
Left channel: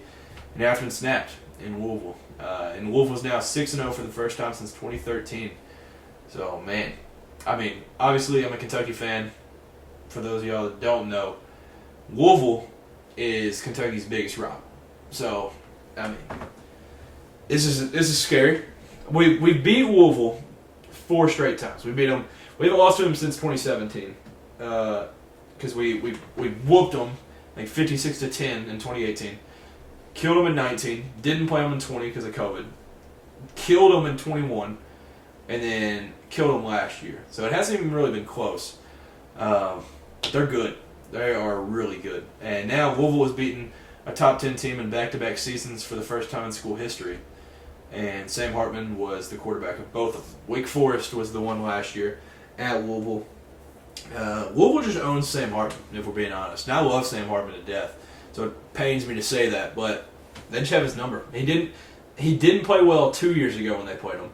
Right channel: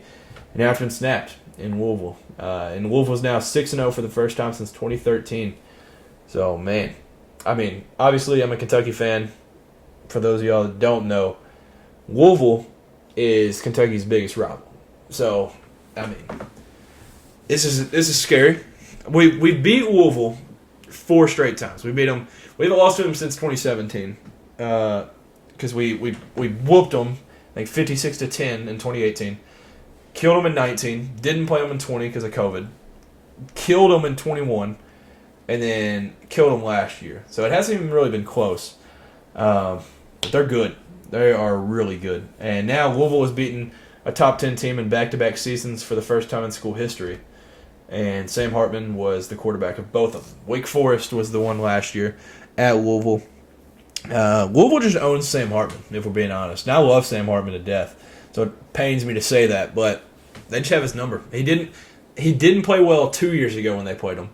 and after snapped in Louisville. And Louisville's now 6-0 for the first time since 2013. So, man, obviously I'm a Kentucky fan. For those of y'all that don't know, Louisville is Kentucky's biggest rival. So, this is scary. We beat Louisville 4 straight times. We beat them. We haven't lost to them since 2017 because we whooped them 56-10 in 2018. Killed them in 19. Didn't play them in 20 because of COVID. Killed them in 21, and then killed them last year. So it hasn't even really been close. But they're good. They are really good. And now Louisville has beaten a top 10 team in back-to-back seasons for the first time in school history. And Sam Hartman was the quarterback of both of them. Wake Forest was the one last year at Louisville. Louisville just owns Sam Hartman, if we're being honest. Now I love Sam Hartman to death, so it pains me to say that, but they just have his number. He didn't play well 2 years ago when they played him.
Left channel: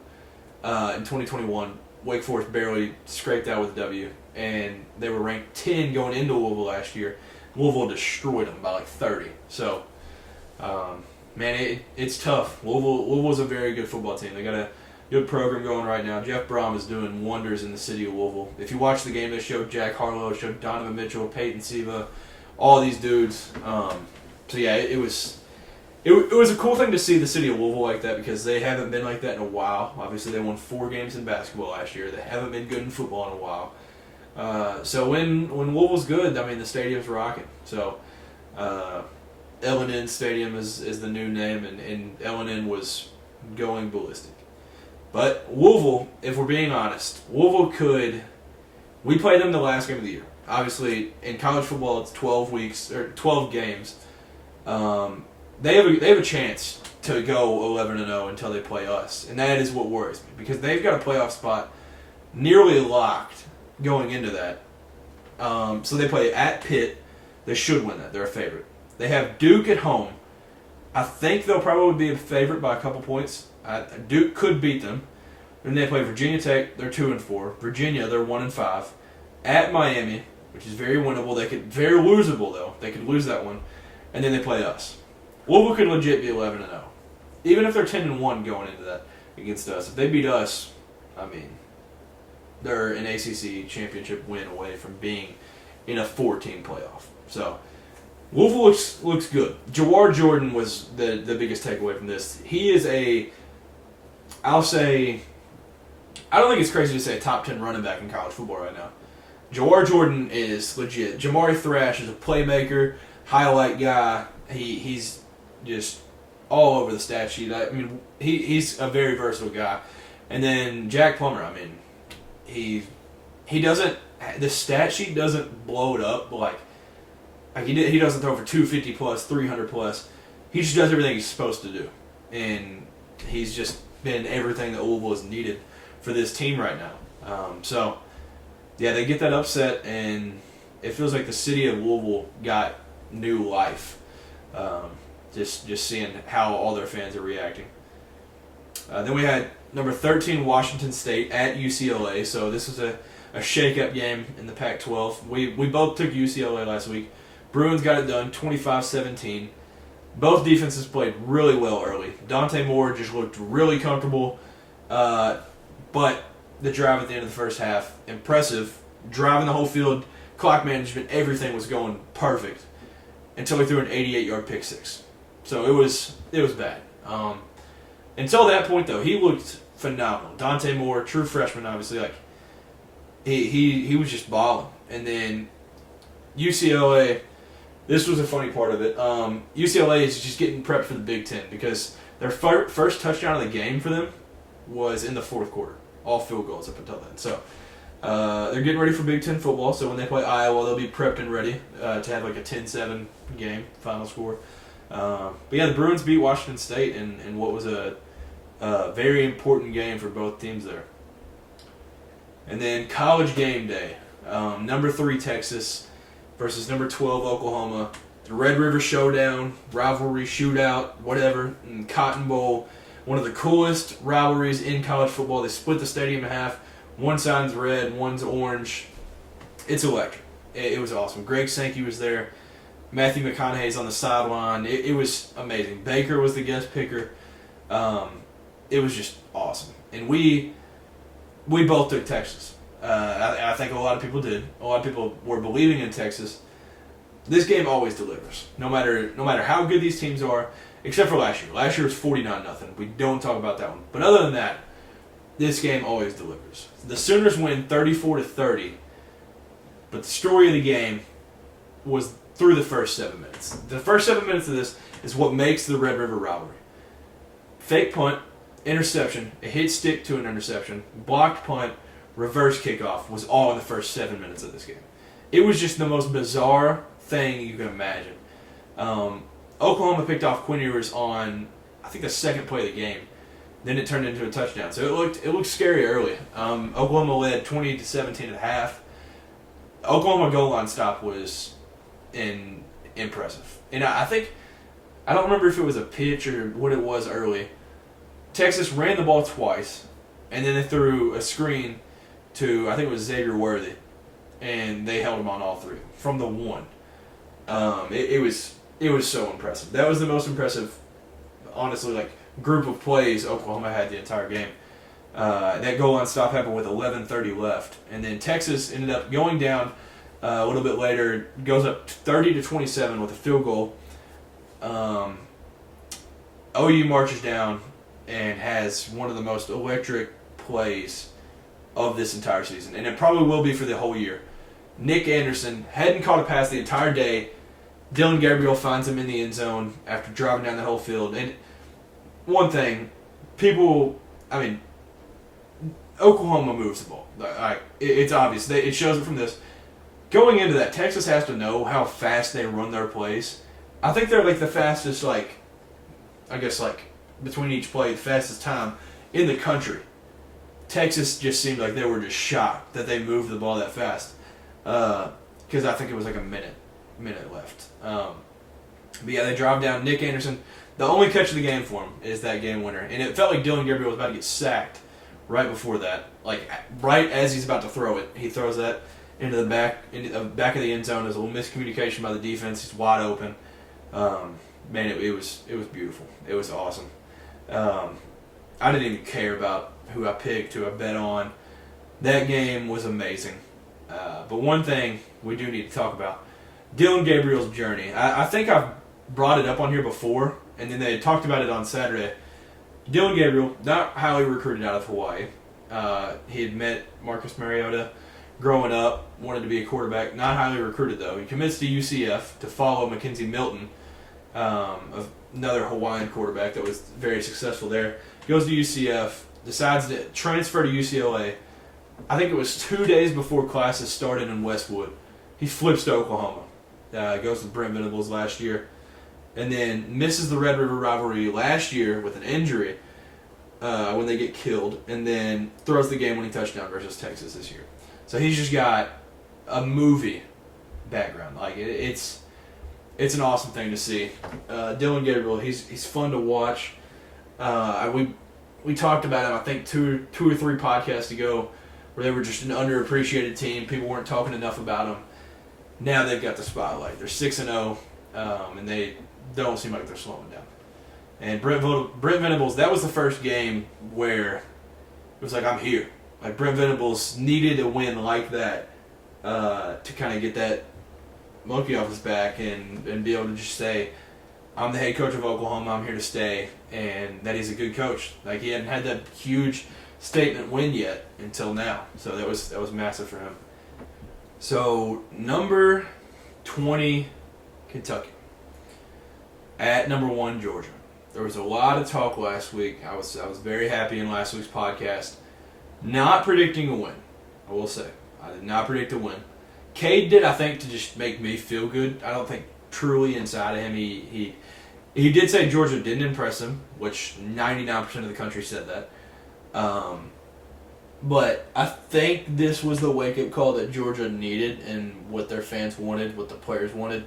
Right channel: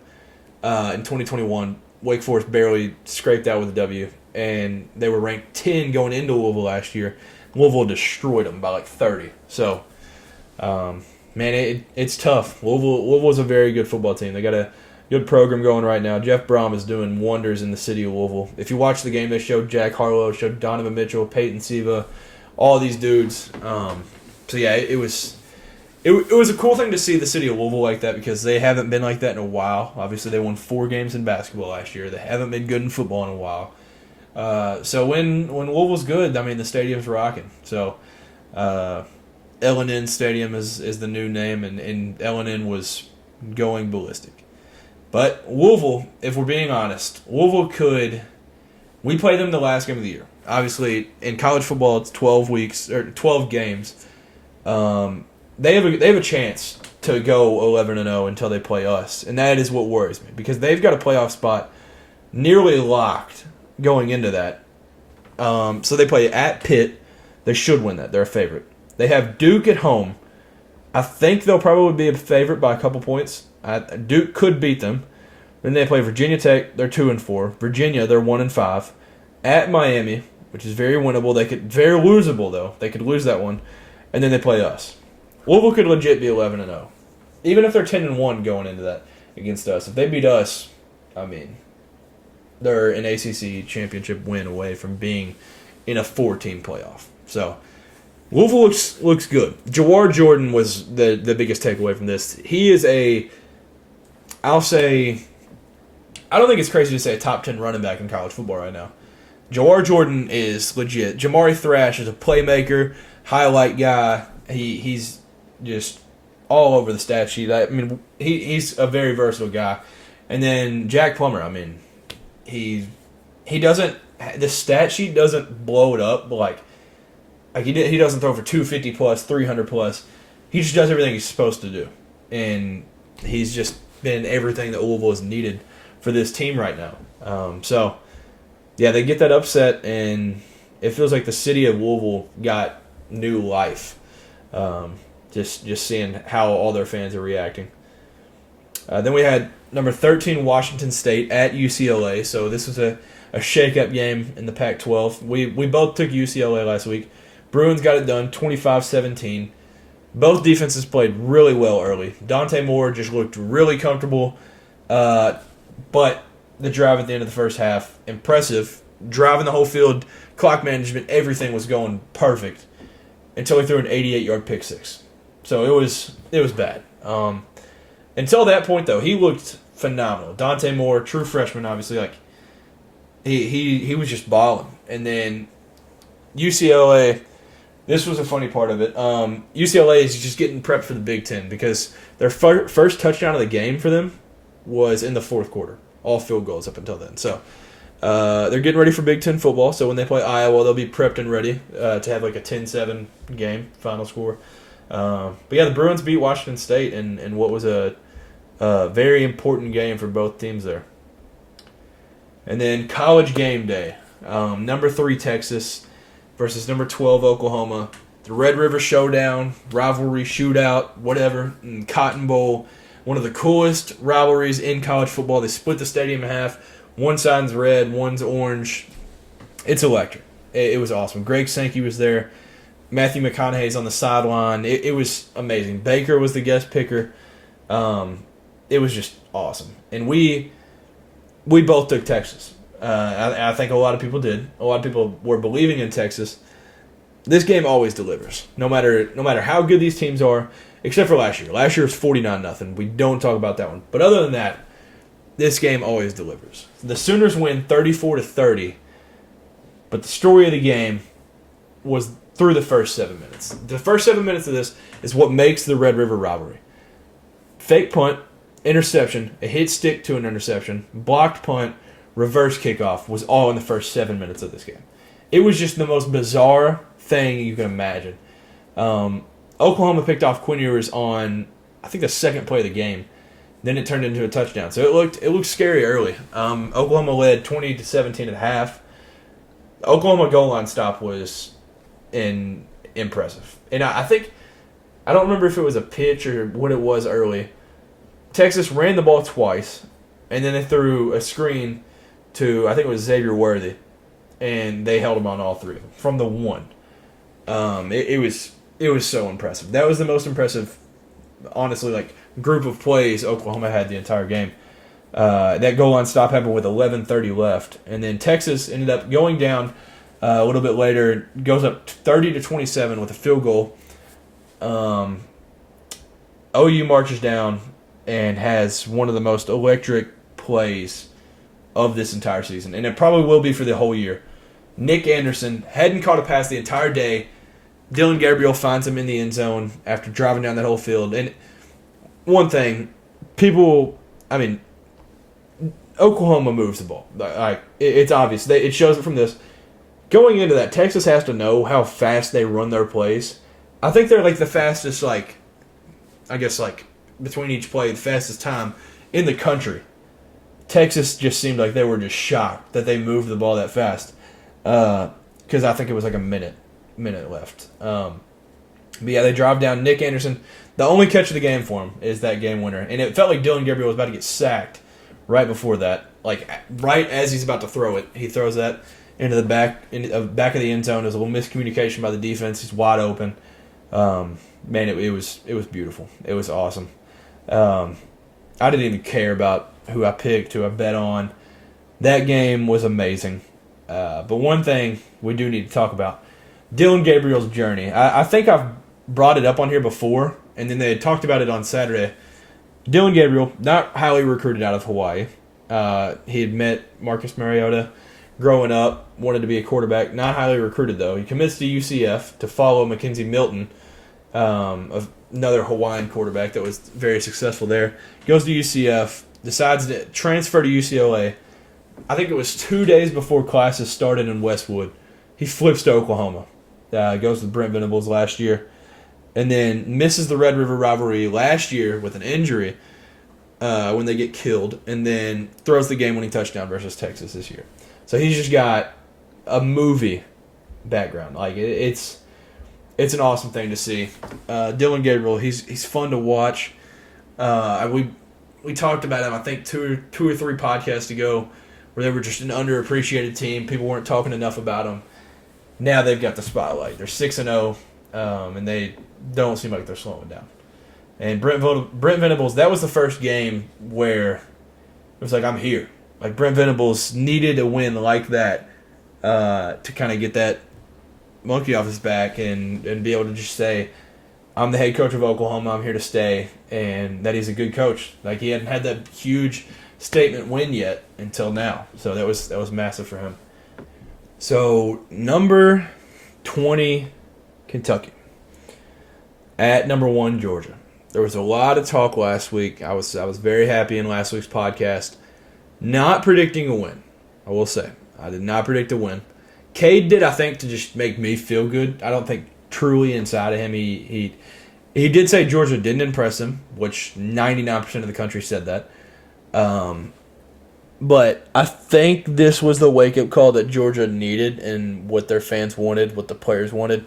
In 2021, Wake Forest barely scraped out with a W, and they were ranked 10 going into Louisville last year. Louisville destroyed them by 30. So, it's tough. Louisville's a very good football team. They got a good program going right now. Jeff Brom is doing wonders in the city of Louisville. If you watch the game, they showed Jack Harlow, showed Donovan Mitchell, Peyton Siva, all these dudes So yeah, it was a cool thing to see the city of Louisville like that because they haven't been like that in a while. Obviously, they won 4 games in basketball last year. They haven't been good in football in a while. So when Louisville's good, I mean the stadium's rocking. So L&N Stadium is the new name, and L&N was going ballistic. But Louisville, if we're being honest, Louisville could. We played them the last game of the year. Obviously, in college football, it's 12 games. They have a chance to go 11-0 until they play us, and that is what worries me because they've got a playoff spot nearly locked going into that. So they play at Pitt. They should win that. They're a favorite. They have Duke at home. I think they'll probably be a favorite by a couple points. Duke could beat them. Then they play Virginia Tech. They're 2-4. Virginia, they're 1-5. At Miami, which is very winnable. Very losable though. They could lose that one, and then they play us. Louisville could legit be 11-0, even if they're 10-1 going into that against us. If they beat us, I mean, they're an ACC championship win away from being in a 4-team playoff. So Louisville looks good. Jawar Jordan was the biggest takeaway from this. He is I'll say, I don't think it's crazy to say a top 10 running back in college football right now. Jawar Jordan is legit. Jamari Thrash is a playmaker, highlight guy. He's just all over the stat sheet. I mean, he's a very versatile guy. And then Jack Plummer, I mean, he doesn't, the stat sheet doesn't blow it up like he doesn't throw for 250 plus, 300 plus. He just does everything he's supposed to do. And he's just been everything that Louisville has needed for this team right now. So, yeah, they get that upset, and it feels like the city of Louisville got new life. Just seeing how all their fans are reacting. Then we had number 13 Washington State at UCLA. So this was a shake-up game in the Pac-12. We both took UCLA last week. Bruins got it done, 25-17. Both defenses played really well early. Dante Moore just looked really comfortable. But the drive at the end of the first half, impressive. Driving the whole field, clock management, everything was going perfect until he threw an 88-yard pick six. So it was bad. Until that point, though, he looked phenomenal. Dante Moore, true freshman, obviously, like he was just balling. And then UCLA, this was a funny part of it. UCLA is just getting prepped for the Big Ten because their first touchdown of the game for them was in the fourth quarter. All field goals up until then. So they're getting ready for Big Ten football. So when they play Iowa, they'll be prepped and ready to have like a 10-7 game, final score. But yeah, the Bruins beat Washington State in what was a very important game for both teams there. And then college game day. Number 3 Texas versus number 12 Oklahoma. The Red River Showdown, rivalry, shootout, whatever, and Cotton Bowl. One of the coolest rivalries in college football. They split the stadium in half. One side's red, one's orange. It's electric. It was awesome. Greg Sankey was there. Matthew McConaughey's on the sideline. It was amazing. Baker was the guest picker. It was just awesome. And we both took Texas. I think a lot of people did. A lot of people were believing in Texas. This game always delivers. No matter how good these teams are, except for last year. Last year was 49-0. We don't talk about that one. But other than that, this game always delivers. The Sooners win 34-30. But the story of the game was through the first 7 minutes. The first 7 minutes of this is what makes the Red River Rivalry. Fake punt, interception, a hit stick to an interception, blocked punt, reverse kickoff was all in the first 7 minutes of this game. It was just the most bizarre thing you can imagine. Oklahoma picked off Quinn Ewers on, I think, the second play of the game. Then it turned into a touchdown. So it looked scary early. Oklahoma led 20-17 at half. The Oklahoma goal line stop was impressive. And I think, I don't remember if it was a pitch or what it was early. Texas ran the ball twice, and then they threw a screen to, I think it was Xavier Worthy, and they held him on all three from the one. It was so impressive. That was the most impressive, honestly, like group of plays Oklahoma had the entire game. That goal line stop happened with 11:30 left, and then Texas ended up going down a little bit later, goes up 30-27 with a field goal. OU marches down and has one of the most electric plays of this entire season, and it probably will be for the whole year. Nick Anderson hadn't caught a pass the entire day. Dylan Gabriel finds him in the end zone after driving down that whole field. And one thing, Oklahoma moves the ball. It's obvious. It shows it from this. Going into that, Texas has to know how fast they run their plays. I think they're the fastest, between each play, the fastest time in the country. Texas just seemed like they were just shocked that they moved the ball that fast. Because I think it was a minute left. But yeah, they drive down Nick Anderson. The only catch of the game for him is that game winner. And it felt like Dylan Gabriel was about to get sacked right before that. Right as he's about to throw it, he throws that into the back of the end zone. There's a little miscommunication by the defense. He's wide open. Man, it was beautiful. It was awesome. I didn't even care about who I picked, who I bet on. That game was amazing. But one thing we do need to talk about, Dylan Gabriel's journey. I think I've brought it up on here before, and then they had talked about it on Saturday. Dylan Gabriel, not highly recruited out of Hawaii. He had met Marcus Mariota growing up, wanted to be a quarterback. Not highly recruited, though. He commits to UCF to follow Mackenzie Milton, another Hawaiian quarterback that was very successful there. Goes to UCF, decides to transfer to UCLA. I think it was 2 days before classes started in Westwood. He flips to Oklahoma. Goes to Brent Venables last year. And then misses the Red River Rivalry last year with an injury when they get killed. And then throws the game-winning touchdown versus Texas this year. So he's just got a movie background. It's an awesome thing to see. Dylan Gabriel, he's fun to watch. We talked about him, I think, two or three podcasts ago, where they were just an underappreciated team. People weren't talking enough about them. Now they've got the spotlight. They're 6-0, and they don't seem like they're slowing down. And Brent Venables, that was the first game where it was I'm here. Brent Venables needed a win like that to kind of get that monkey off his back and be able to just say, I'm the head coach of Oklahoma, I'm here to stay, and that he's a good coach. He hadn't had that huge statement win yet until now. So that was massive for him. So number 20, Kentucky. At number 1, Georgia. There was a lot of talk last week. I was very happy in last week's podcast. Not predicting a win, I will say. I did not predict a win. Cade did, I think, to just make me feel good. I don't think truly inside of him he did say Georgia didn't impress him, which 99% of the country said that. But I think this was the wake-up call that Georgia needed and what their fans wanted, what the players wanted.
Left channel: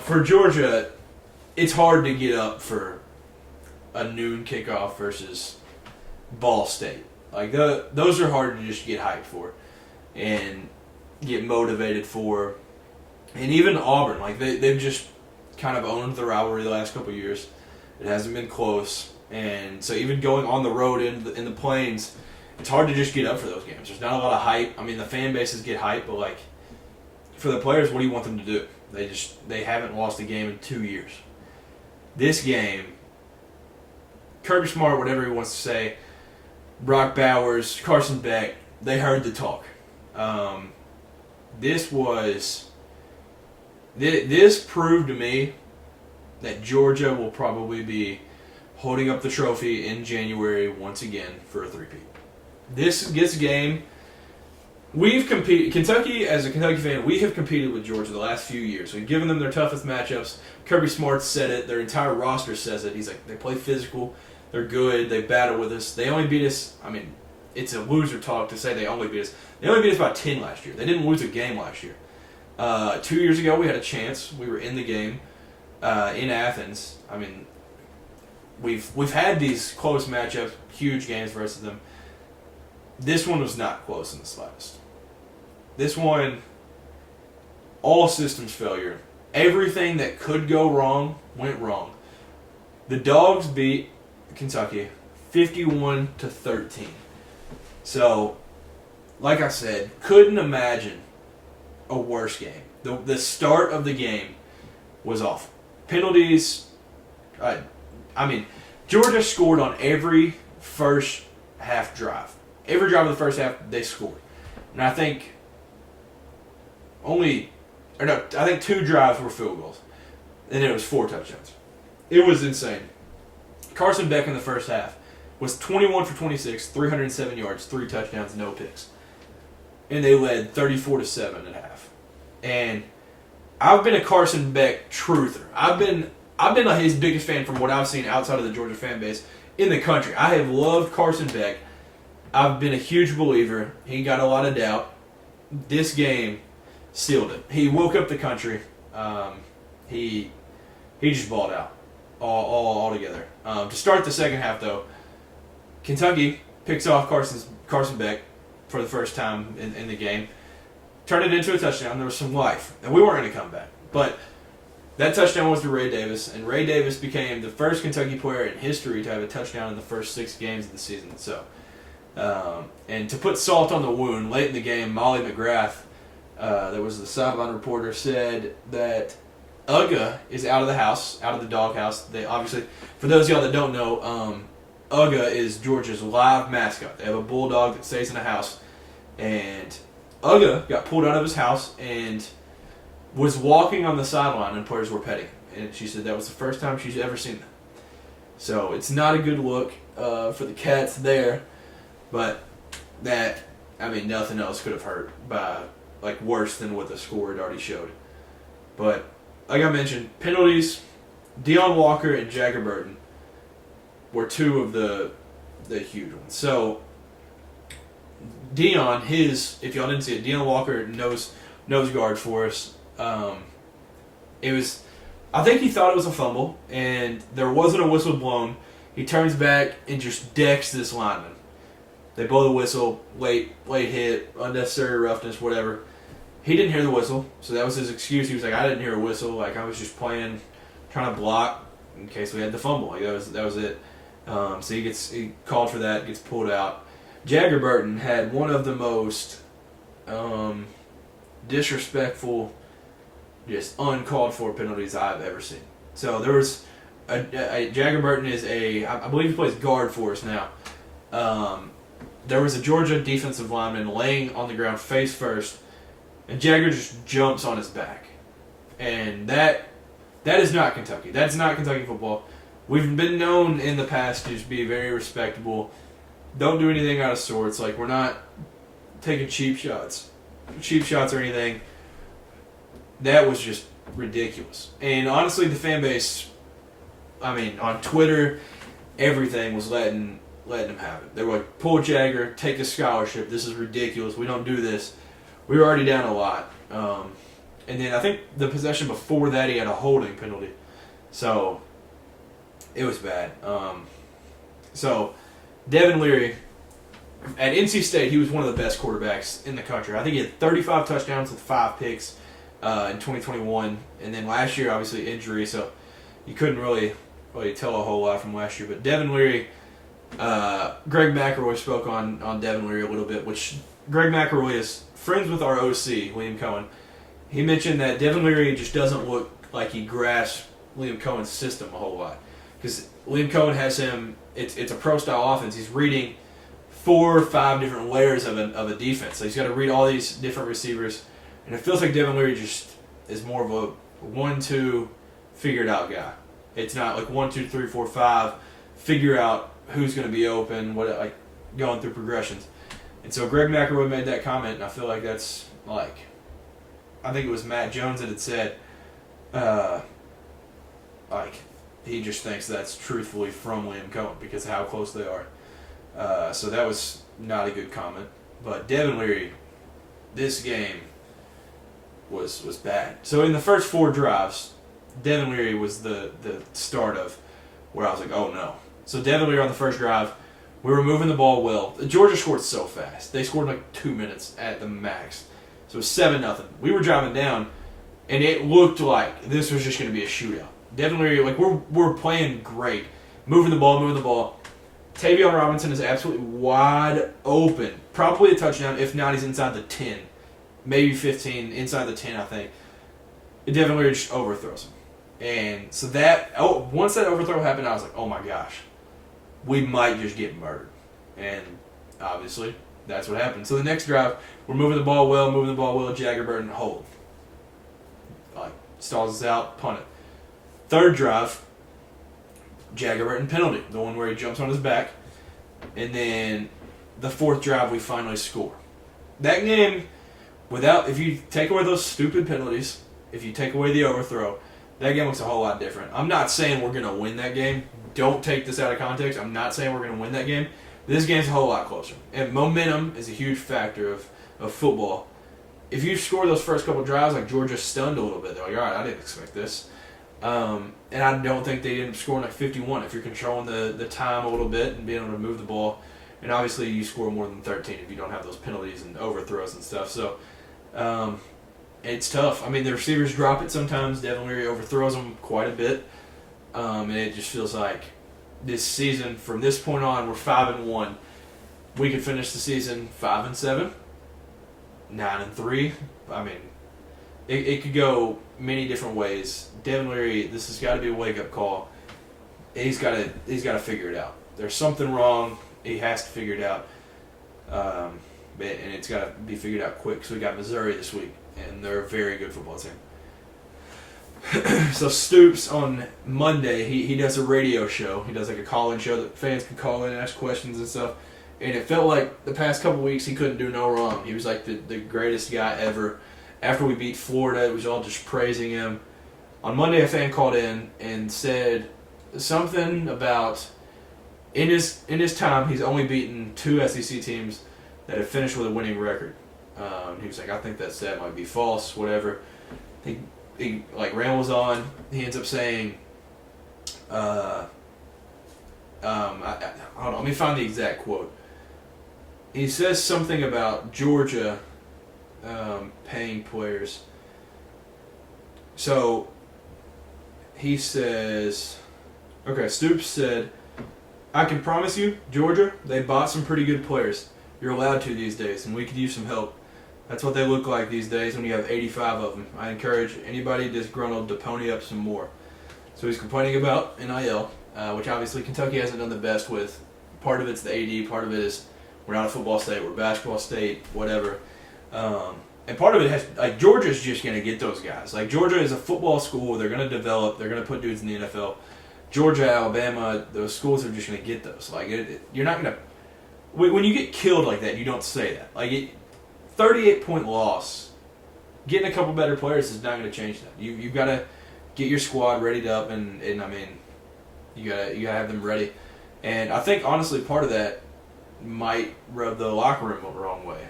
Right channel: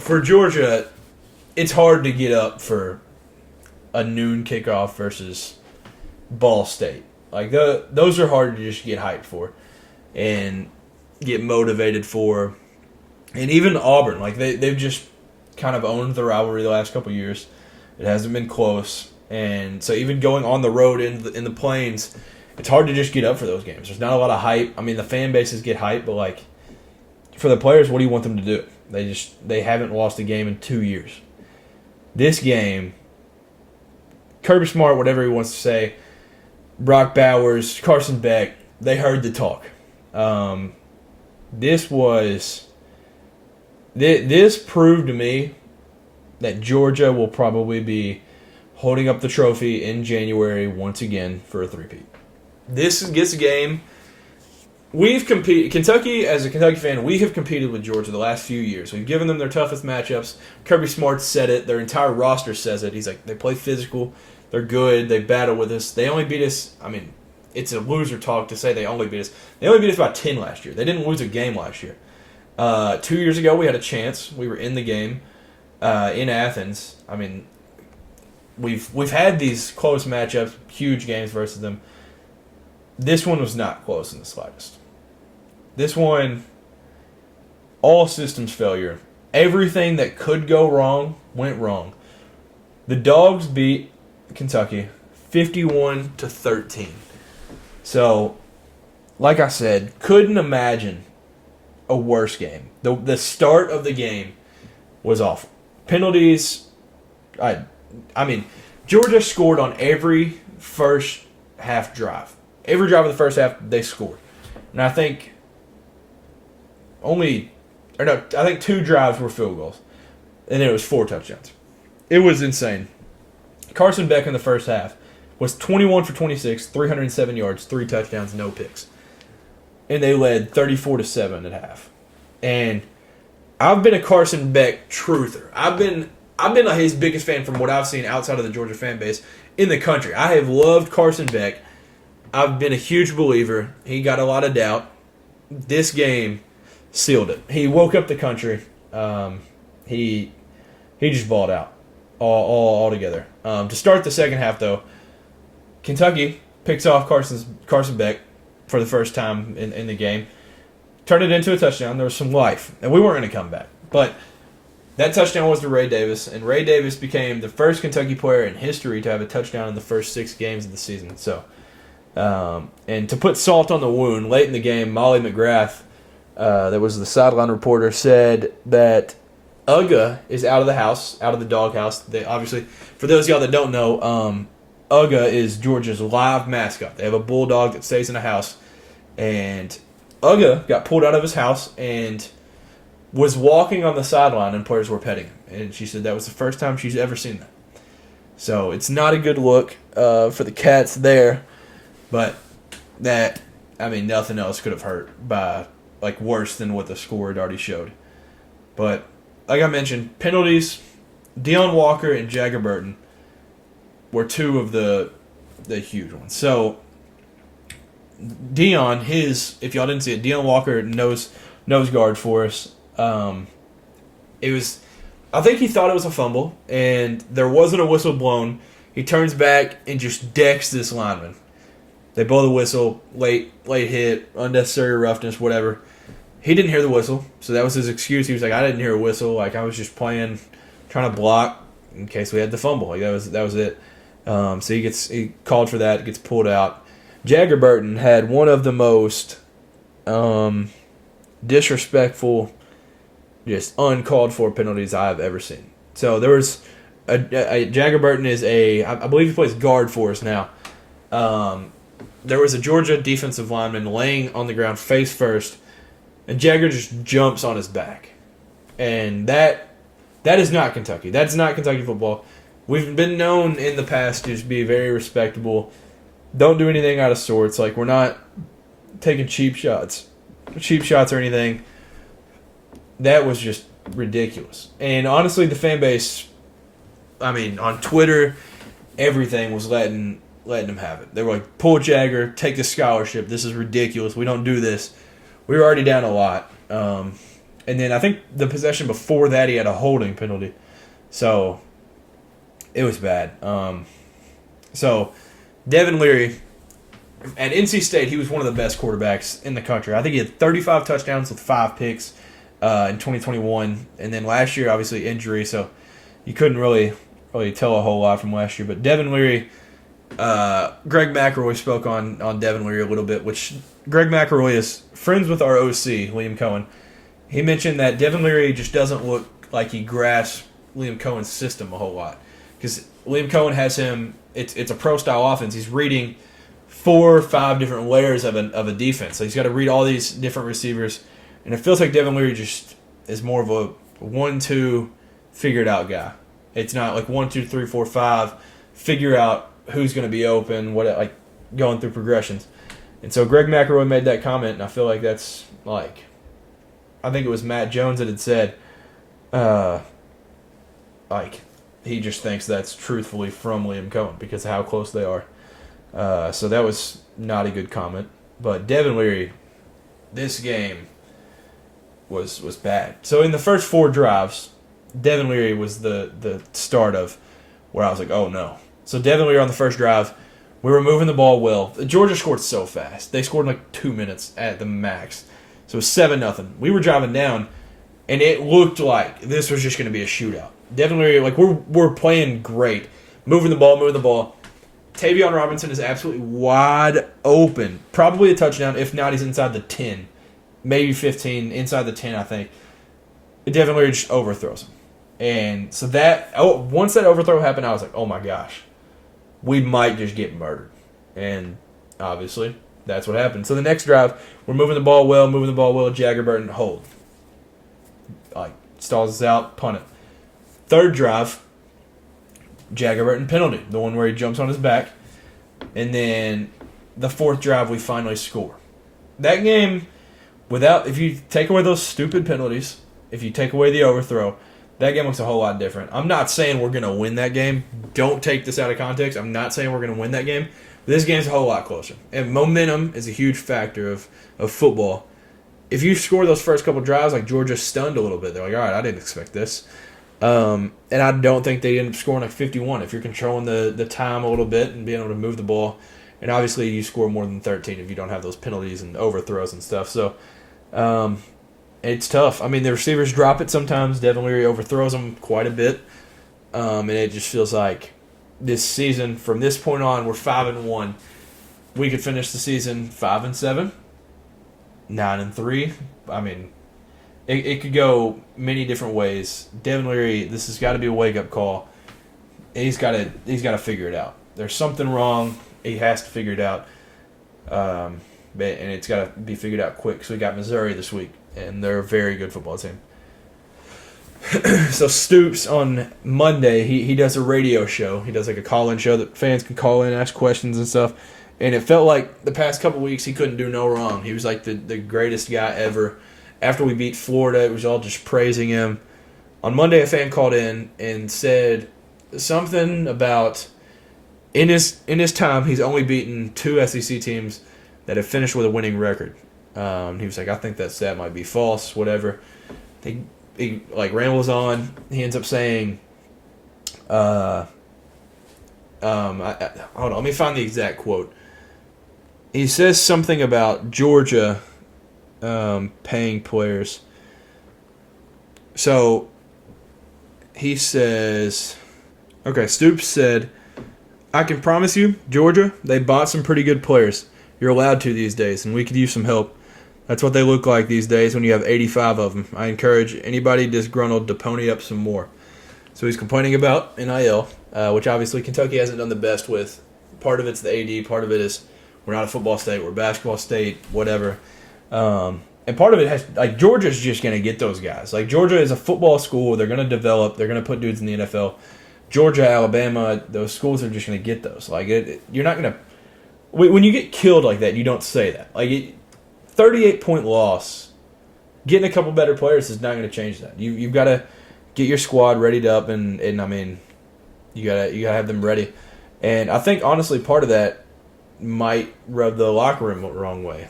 For Georgia, it's hard to get up for a noon kickoff versus Ball State. Those are hard to just get hyped for and get motivated for. And even Auburn, they've just kind of owned the rivalry the last couple of years. It hasn't been close. And so even going on the road in the Plains, it's hard to just get up for those games. There's not a lot of hype. I mean, the fan bases get hyped, but for the players, what do you want them to do? They haven't lost a game in 2 years. This game, Kirby Smart, whatever he wants to say, Brock Bowers, Carson Beck, they heard the talk. This proved to me that Georgia will probably be holding up the trophy in January once again for a three-peat. This gets a game. We've competed. Kentucky, as a Kentucky fan, we have competed with Georgia the last few years. We've given them their toughest matchups. Kirby Smart said it. Their entire roster says it. He's they play physical. They're good. They battle with us. They only beat us. I mean, it's a loser talk to say they only beat us. They only beat us by 10 last year. They didn't lose a game last year. 2 years ago, we had a chance. We were in the game in Athens. I mean, we've had these close matchups, huge games versus them. This one was not close in the slightest. This one, all systems failure. Everything that could go wrong went wrong. The Dogs beat Kentucky 51-13. So, like I said, couldn't imagine a worse game. The start of the game was awful. penalties. I mean, Georgia scored on every first half drive. Every drive of the first half, they scored. And I think I think 2 drives were field goals. And it was 4 touchdowns. It was insane. Carson Beck in the first half was 21 for 26, 307 yards, 3 touchdowns, no picks. And they led 34-7 at half. And I've been a Carson Beck truther. I've been like his biggest fan from what I've seen outside of the Georgia fan base in the country. I have loved Carson Beck. I've been a huge believer. He got a lot of doubt. This game sealed it. He woke up the country. He just balled out all together. To start the second half, though, Kentucky picks off Carson Beck for the first time in the game. Turned it into a touchdown. There was some life. And we weren't going to come back. But that touchdown was to Ray Davis. And Ray Davis became the first Kentucky player in history to have a touchdown in the first 6 games of the season. So, and to put salt on the wound, late in the game, Molly McGrath, that was the sideline reporter, said that Uga is out of the house, out of the doghouse. They obviously, for those of y'all that don't know, Uga is Georgia's live mascot. They have a bulldog that stays in a house, and Uga got pulled out of his house and was walking on the sideline, and players were petting him. And she said that was the first time she's ever seen that. So it's not a good look for the Cats there, but nothing else could have hurt by worse than what the score had already showed. But like I mentioned, penalties, Deion Walker and Jagger Burton were 2 of the huge ones. So Deion, if y'all didn't see it, Deion Walker nose guard for us. I think he thought it was a fumble, and there wasn't a whistle blown. He turns back and just decks this lineman. They blow the whistle, late hit, unnecessary roughness, whatever. He didn't hear the whistle, so that was his excuse. He was like, I didn't hear a whistle. I was just trying to block in case we had the fumble. That was it. So he called for that, gets pulled out. Jagger Burton had one of the most disrespectful, just uncalled for penalties I've ever seen. So there was Jagger Burton is I believe he plays guard for us now. There was a Georgia defensive lineman laying on the ground face first, and Jagger just jumps on his back. And that is not Kentucky. That's not Kentucky football. We've been known in the past to just be very respectable. Don't do anything out of sorts. We're not taking cheap shots or anything. That was just ridiculous. And honestly, the fan base, on Twitter, everything was letting him have it. They were like, pull Jagger, take the scholarship. This is ridiculous. We don't do this. We were already down a lot. And then I think the possession before that, he had a holding penalty. So it was bad. So Devin Leary, at NC State, he was one of the best quarterbacks in the country. I think he had 35 touchdowns with 5 picks in 2021. And then last year, obviously, injury. So you couldn't really tell a whole lot from last year. But Devin Leary, Greg McElroy spoke on Devin Leary a little bit, which Greg McElroy is friends with our OC, Liam Cohen. He mentioned that Devin Leary just doesn't look like he grasps Liam Cohen's system a whole lot. Because Liam Cohen has him, it's a pro-style offense. He's reading 4 or 5 different layers of a defense. So he's got to read all these different receivers. And it feels like Devin Leary just is more of a 1-2 figured-out guy. It's not like 1, 2, 3, 4, 5, figure out who's going to be open, going through progressions. And so Greg McElroy made that comment, and I feel like that's I think it was Matt Jones that had said, he just thinks that's truthfully from Liam Cohen because of how close they are. So that was not a good comment. But Devin Leary, this game was bad. So in the first 4 drives, Devin Leary was the start of where I was like, oh no. So Devin Leary on the first drive, we were moving the ball well. Georgia scored so fast. They scored in 2 minutes at the max. So it was 7-0. We were driving down, and it looked like this was just going to be a shootout. Devin Leary, we're playing great. Moving the ball. Tavion Robinson is absolutely wide open. Probably a touchdown. If not, he's inside the 10. Maybe 15. Inside the 10, I think. Devin Leary just overthrows him. And so once that overthrow happened, I was like, oh my gosh, we might just get murdered. And obviously, that's what happened. So the next drive, we're moving the ball well, Jagger Burton, hold. Stalls us out, punt it. Third drive, Jagger Burton penalty, the one where he jumps on his back. And then the fourth drive, we finally score. That game, if you take away those stupid penalties, if you take away the overthrow, that game looks a whole lot different. I'm not saying we're going to win that game. Don't take this out of context. I'm not saying we're going to win that game. This game's a whole lot closer. And momentum is a huge factor of football. If you score those first couple drives, like Georgia stunned a little bit. They're like, all right, I didn't expect this. And I don't think they end up scoring like 51. If you're controlling the time a little bit and being able to move the ball. And obviously you score more than 13 if you don't have those penalties and overthrows and stuff. So it's tough. I mean, the receivers drop it sometimes. Devin Leary overthrows them quite a bit. And it just feels like this season, from this point on, we're 5-1. We could finish the season 5-7. 9-3. I mean, it could go many different ways. Devin Leary, this has got to be a wake up call. He's got to figure it out. There's something wrong. He has to figure it out, and it's got to be figured out quick. So we got Missouri this week, and they're a very good football team. So Stoops on Monday, he does a radio show. He does like a call-in show that fans can call in, ask questions and stuff. And it felt like the past couple weeks he couldn't do no wrong. He was like the greatest guy ever. After we beat Florida, it was all just praising him. On Monday, a fan called in and said something about in his time, he's only beaten 2 SEC teams that have finished with a winning record. He was like, I think that stat might be false, whatever. He like rambles on. He ends up saying, hold on, let me find the exact quote. He says something about Georgia paying players. So he says, okay, Stoops said, I can promise you, Georgia, they bought some pretty good players. You're allowed to these days, and we could use some help. That's what they look like these days when you have 85 of them. I encourage anybody disgruntled to pony up some more. So he's complaining about NIL, which obviously Kentucky hasn't done the best with. Part of it's the AD, part of it is we're not a football state, we're a basketball state, whatever. And part of it has, like, Georgia's just going to get those guys. Like, Georgia is a football school. They're going to develop. They're going to put dudes in the NFL. Georgia, Alabama, those schools are just going to get those. Like, you're not going to – when you get killed like that, you don't say that. Like, 38-point loss, getting a couple better players is not going to change that. You've got to get your squad readied up, and I mean, you gotta have them ready. And I think, honestly, part of that might rub the locker room the wrong way.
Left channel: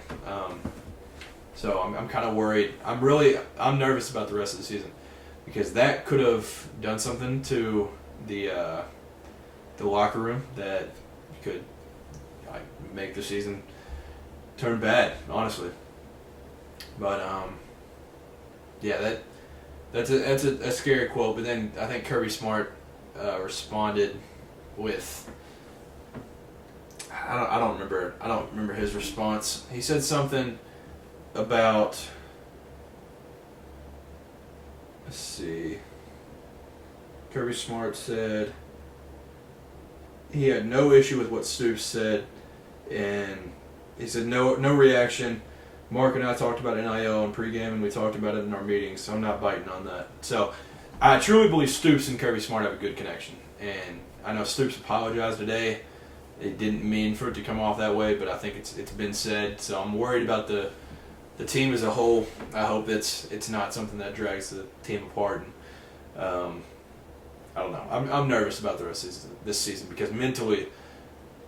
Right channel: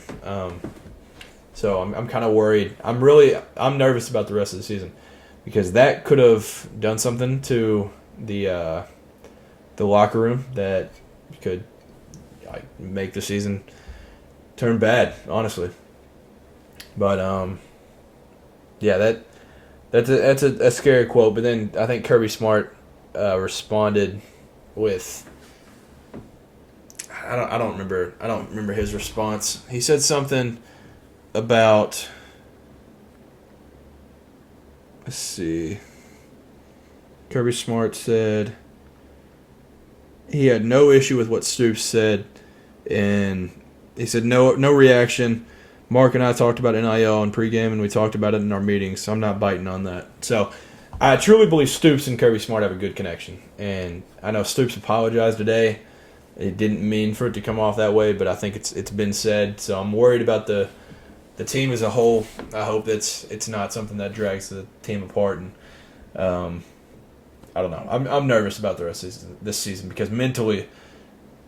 So I'm kind of worried. I'm nervous about the rest of the season because that could have done something to the locker room that could make the season turn bad, honestly. But yeah, that's a scary quote. But then I think Kirby Smart responded with I don't remember his response. He said something about, let's see. Kirby Smart said he had no issue with what Stoops said, and he said no reaction. Mark and I talked about NIL in pregame, and we talked about it in our meetings, so I'm not biting on that. So I truly believe Stoops and Kirby Smart have a good connection, and I know Stoops apologized today. It didn't mean for it to come off that way, but I think it's been said. So I'm worried about the team as a whole. I hope it's not something that drags the team apart. And I don't know. I'm nervous about the rest of this season because mentally,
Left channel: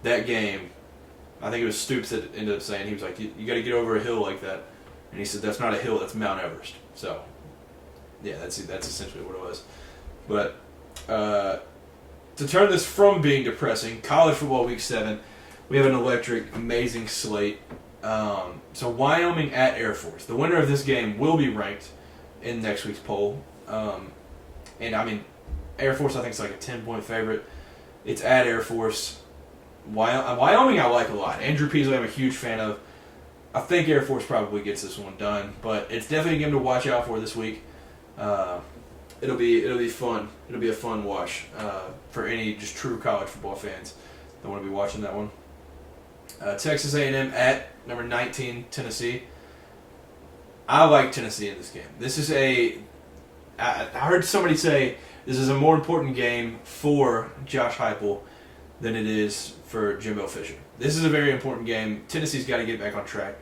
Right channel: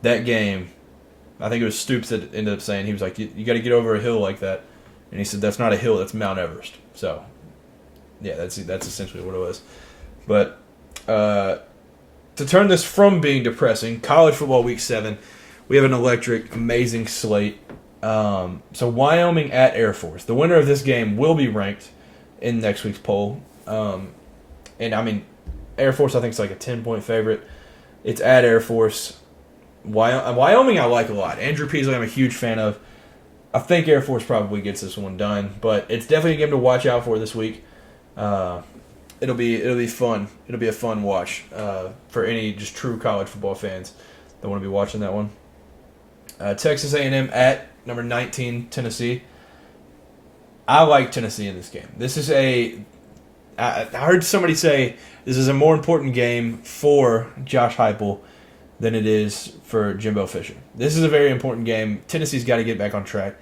that game, I think it was Stoops that ended up saying, he was like, you got to get over a hill like that. And he said, that's not a hill, that's Mount Everest. So, yeah, that's essentially what it was. But to turn this from being depressing, college football week 7, we have an electric, amazing slate. So Wyoming at Air Force. The winner of this game will be ranked in next week's poll. And I mean, Air Force I think is like a 10-point favorite. It's at Air Force. Wyoming I like a lot. Andrew Peasley I'm a huge fan of. I think Air Force probably gets this one done, but it's definitely a game to watch out for this week. it'll be fun. It'll be a fun watch for any just true college football fans that want to be watching that one. Texas A&M at number 19 Tennessee. I like Tennessee in this game. This is I heard somebody say this is a more important game for Josh Heupel than it is for Jimbo Fisher. This is a very important game. Tennessee's got to get back on track.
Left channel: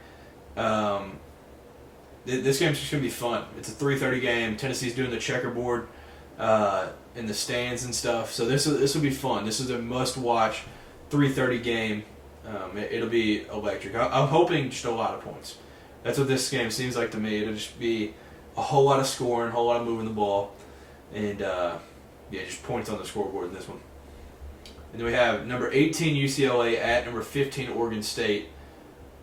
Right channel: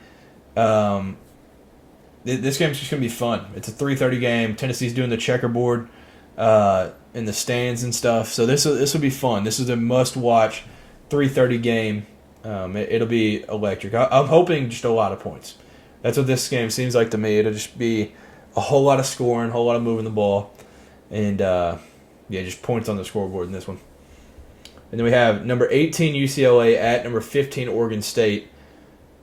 This game's just going to be fun. It's a 3:30 game. Tennessee's doing the checkerboard in the stands and stuff. So this will be fun. This is a must-watch 3:30 game. It'll be electric. I'm hoping just a lot of points. That's what this game seems like to me. It'll just be a whole lot of scoring, a whole lot of moving the ball, and just points on the scoreboard in this one. And then we have number 18 UCLA at number 15 Oregon State.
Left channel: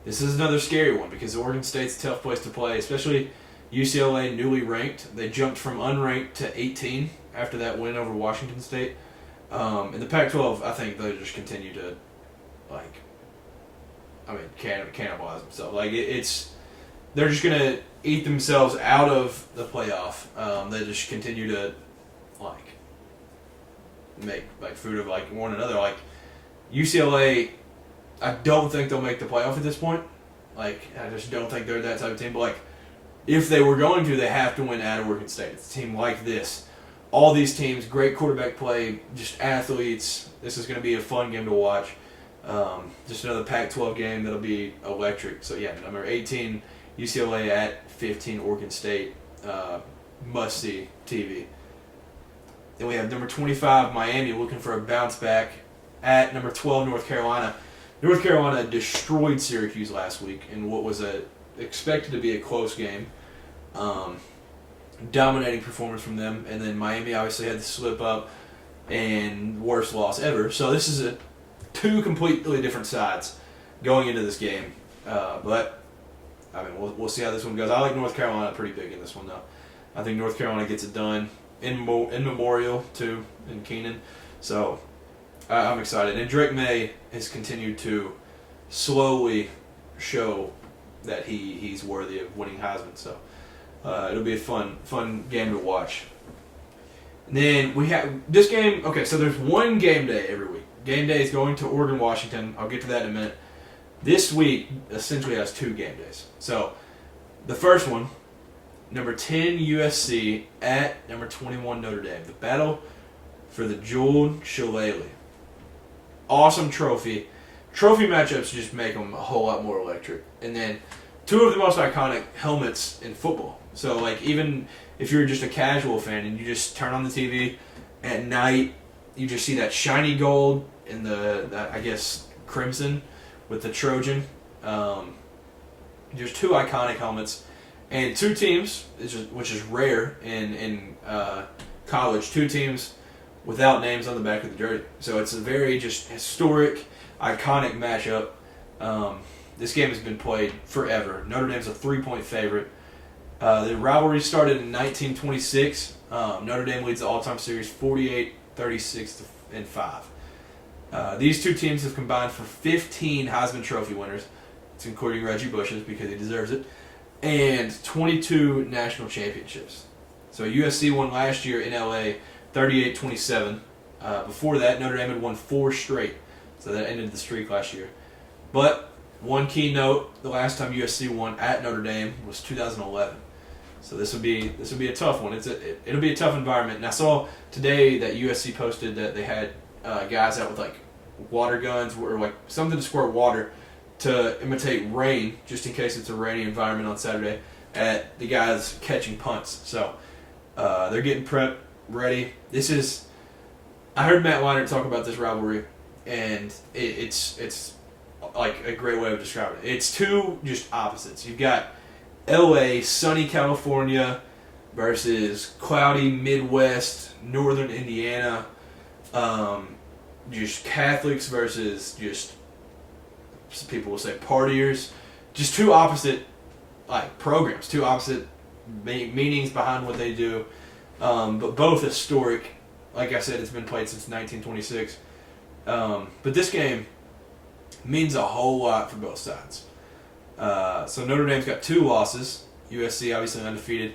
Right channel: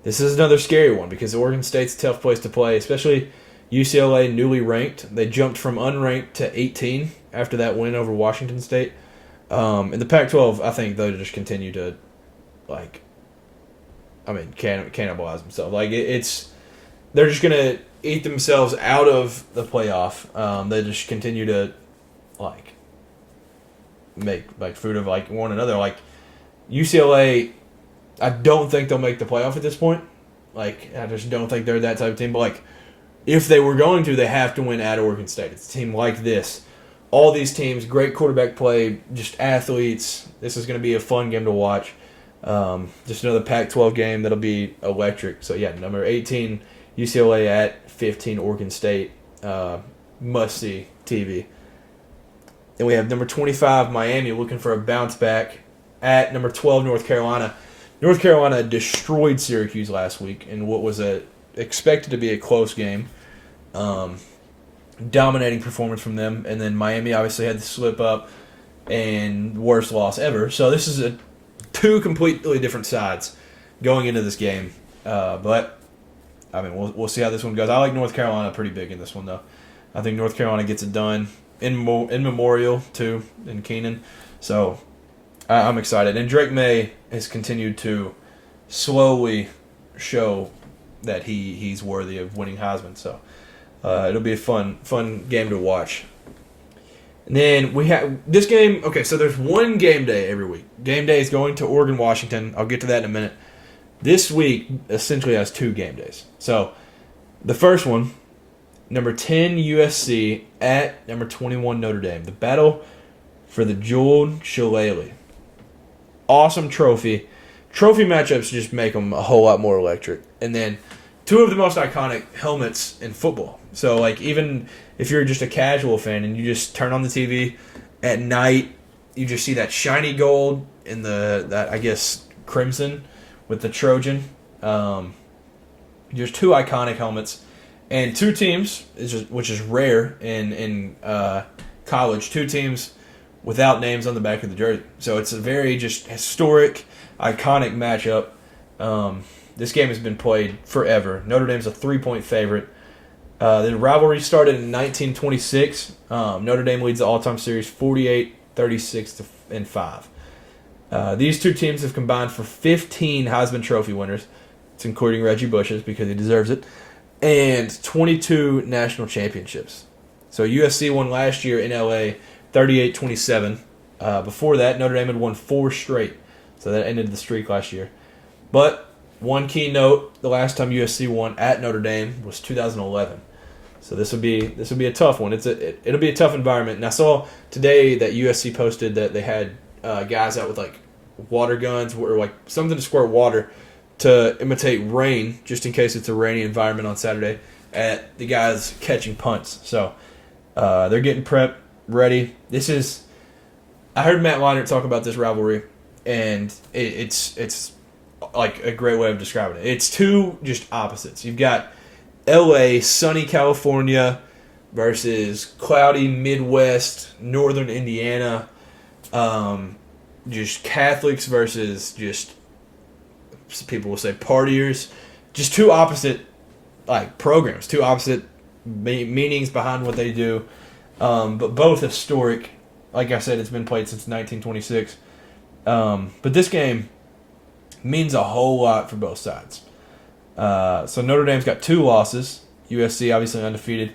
This is another scary one because Oregon State's a tough place to play, especially UCLA newly ranked. They jumped from unranked to 18 after that win over Washington State. In the Pac-12, I think they'll just continue to, cannibalize themselves. They're just going to eat themselves out of the playoff. They just continue to, make food of, one another. UCLA, I don't think they'll make the playoff at this point. I just don't think they're that type of team. But, if they were going to, they have to win at Oregon State. It's a team like this. All these teams, great quarterback play, just athletes. This is going to be a fun game to watch. Just another Pac-12 game that'll be electric. So, number 18, UCLA at 15, Oregon State. Must-see TV. Then we have number 25, Miami, looking for a bounce back at number 12, North Carolina. North Carolina destroyed Syracuse last week in what was expected to be a close game. Dominating performance from them. And then Miami obviously had the slip up and worst loss ever. So this is two completely different sides going into this game. But we'll see how this one goes. I like North Carolina pretty big in this one, though. I think North Carolina gets it done in Memorial, too, in Keenan. So I'm excited. And Drake May has continued to slowly show that he's worthy of winning Heisman. So it'll be a fun game to watch. And then we have this game. Okay, so there's one game day every week. Game day is going to Oregon, Washington. I'll get to that in a minute. This week essentially has two game days. So the first one, number 10 USC at number 21 Notre Dame. The battle for the jeweled shillelagh. Awesome trophy. Trophy matchups just make them a whole lot more electric. And then two of the most iconic helmets in football. So, even if you're just a casual fan and you just turn on the TV at night, you just see that shiny gold in that crimson with the Trojan. There's two iconic helmets. And two teams, which is rare in college, two teams without names on the back of the jersey. So it's a very just historic, iconic matchup. This game has been played forever. Notre Dame's a 3-point favorite. The rivalry started in 1926. Notre Dame leads the all-time series 48-36-5. These two teams have combined for 15 Heisman Trophy winners. It's including Reggie Bush's because he deserves it. And 22 national championships. So USC won last year in LA 38-27. Before that, Notre Dame had won 4 straight. So that ended the streak last year. But one key note, the last time USC won at Notre Dame was 2011. So this would be a tough one. It'll be a tough environment. And I saw today that USC posted that they had guys out with water guns or something to squirt water to imitate rain, just in case it's a rainy environment on Saturday, at the guys catching punts. So they're getting prepped, ready. I heard Matt Leinart talk about this rivalry, and it's a great way of describing it. It's two just opposites. You've got L.A., sunny California versus cloudy Midwest, northern Indiana. Just Catholics versus just, people will say, partiers. Just two opposite programs, two opposite meanings behind what they do, but both historic. Like I said, it's been played since 1926. But this game means a whole lot for both sides. So Notre Dame's got 2 losses. USC obviously undefeated.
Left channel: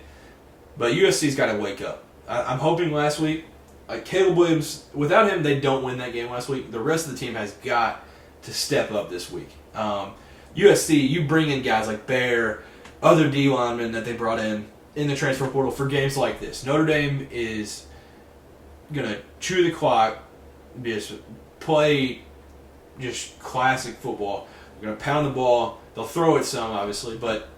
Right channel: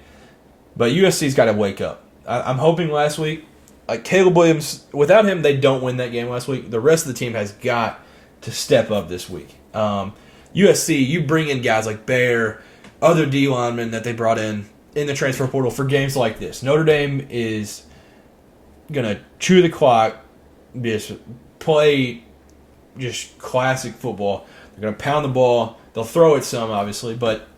But USC's got to wake up. I'm hoping last week, like Caleb Williams, without him, they don't win that game last week. The rest of the team has got to step up this week. USC, you bring in guys like Bear, other D linemen that they brought in the transfer portal for games like this. Notre Dame is going to chew the clock, just play just classic football. They're going to pound the ball. They'll throw it some, obviously, but,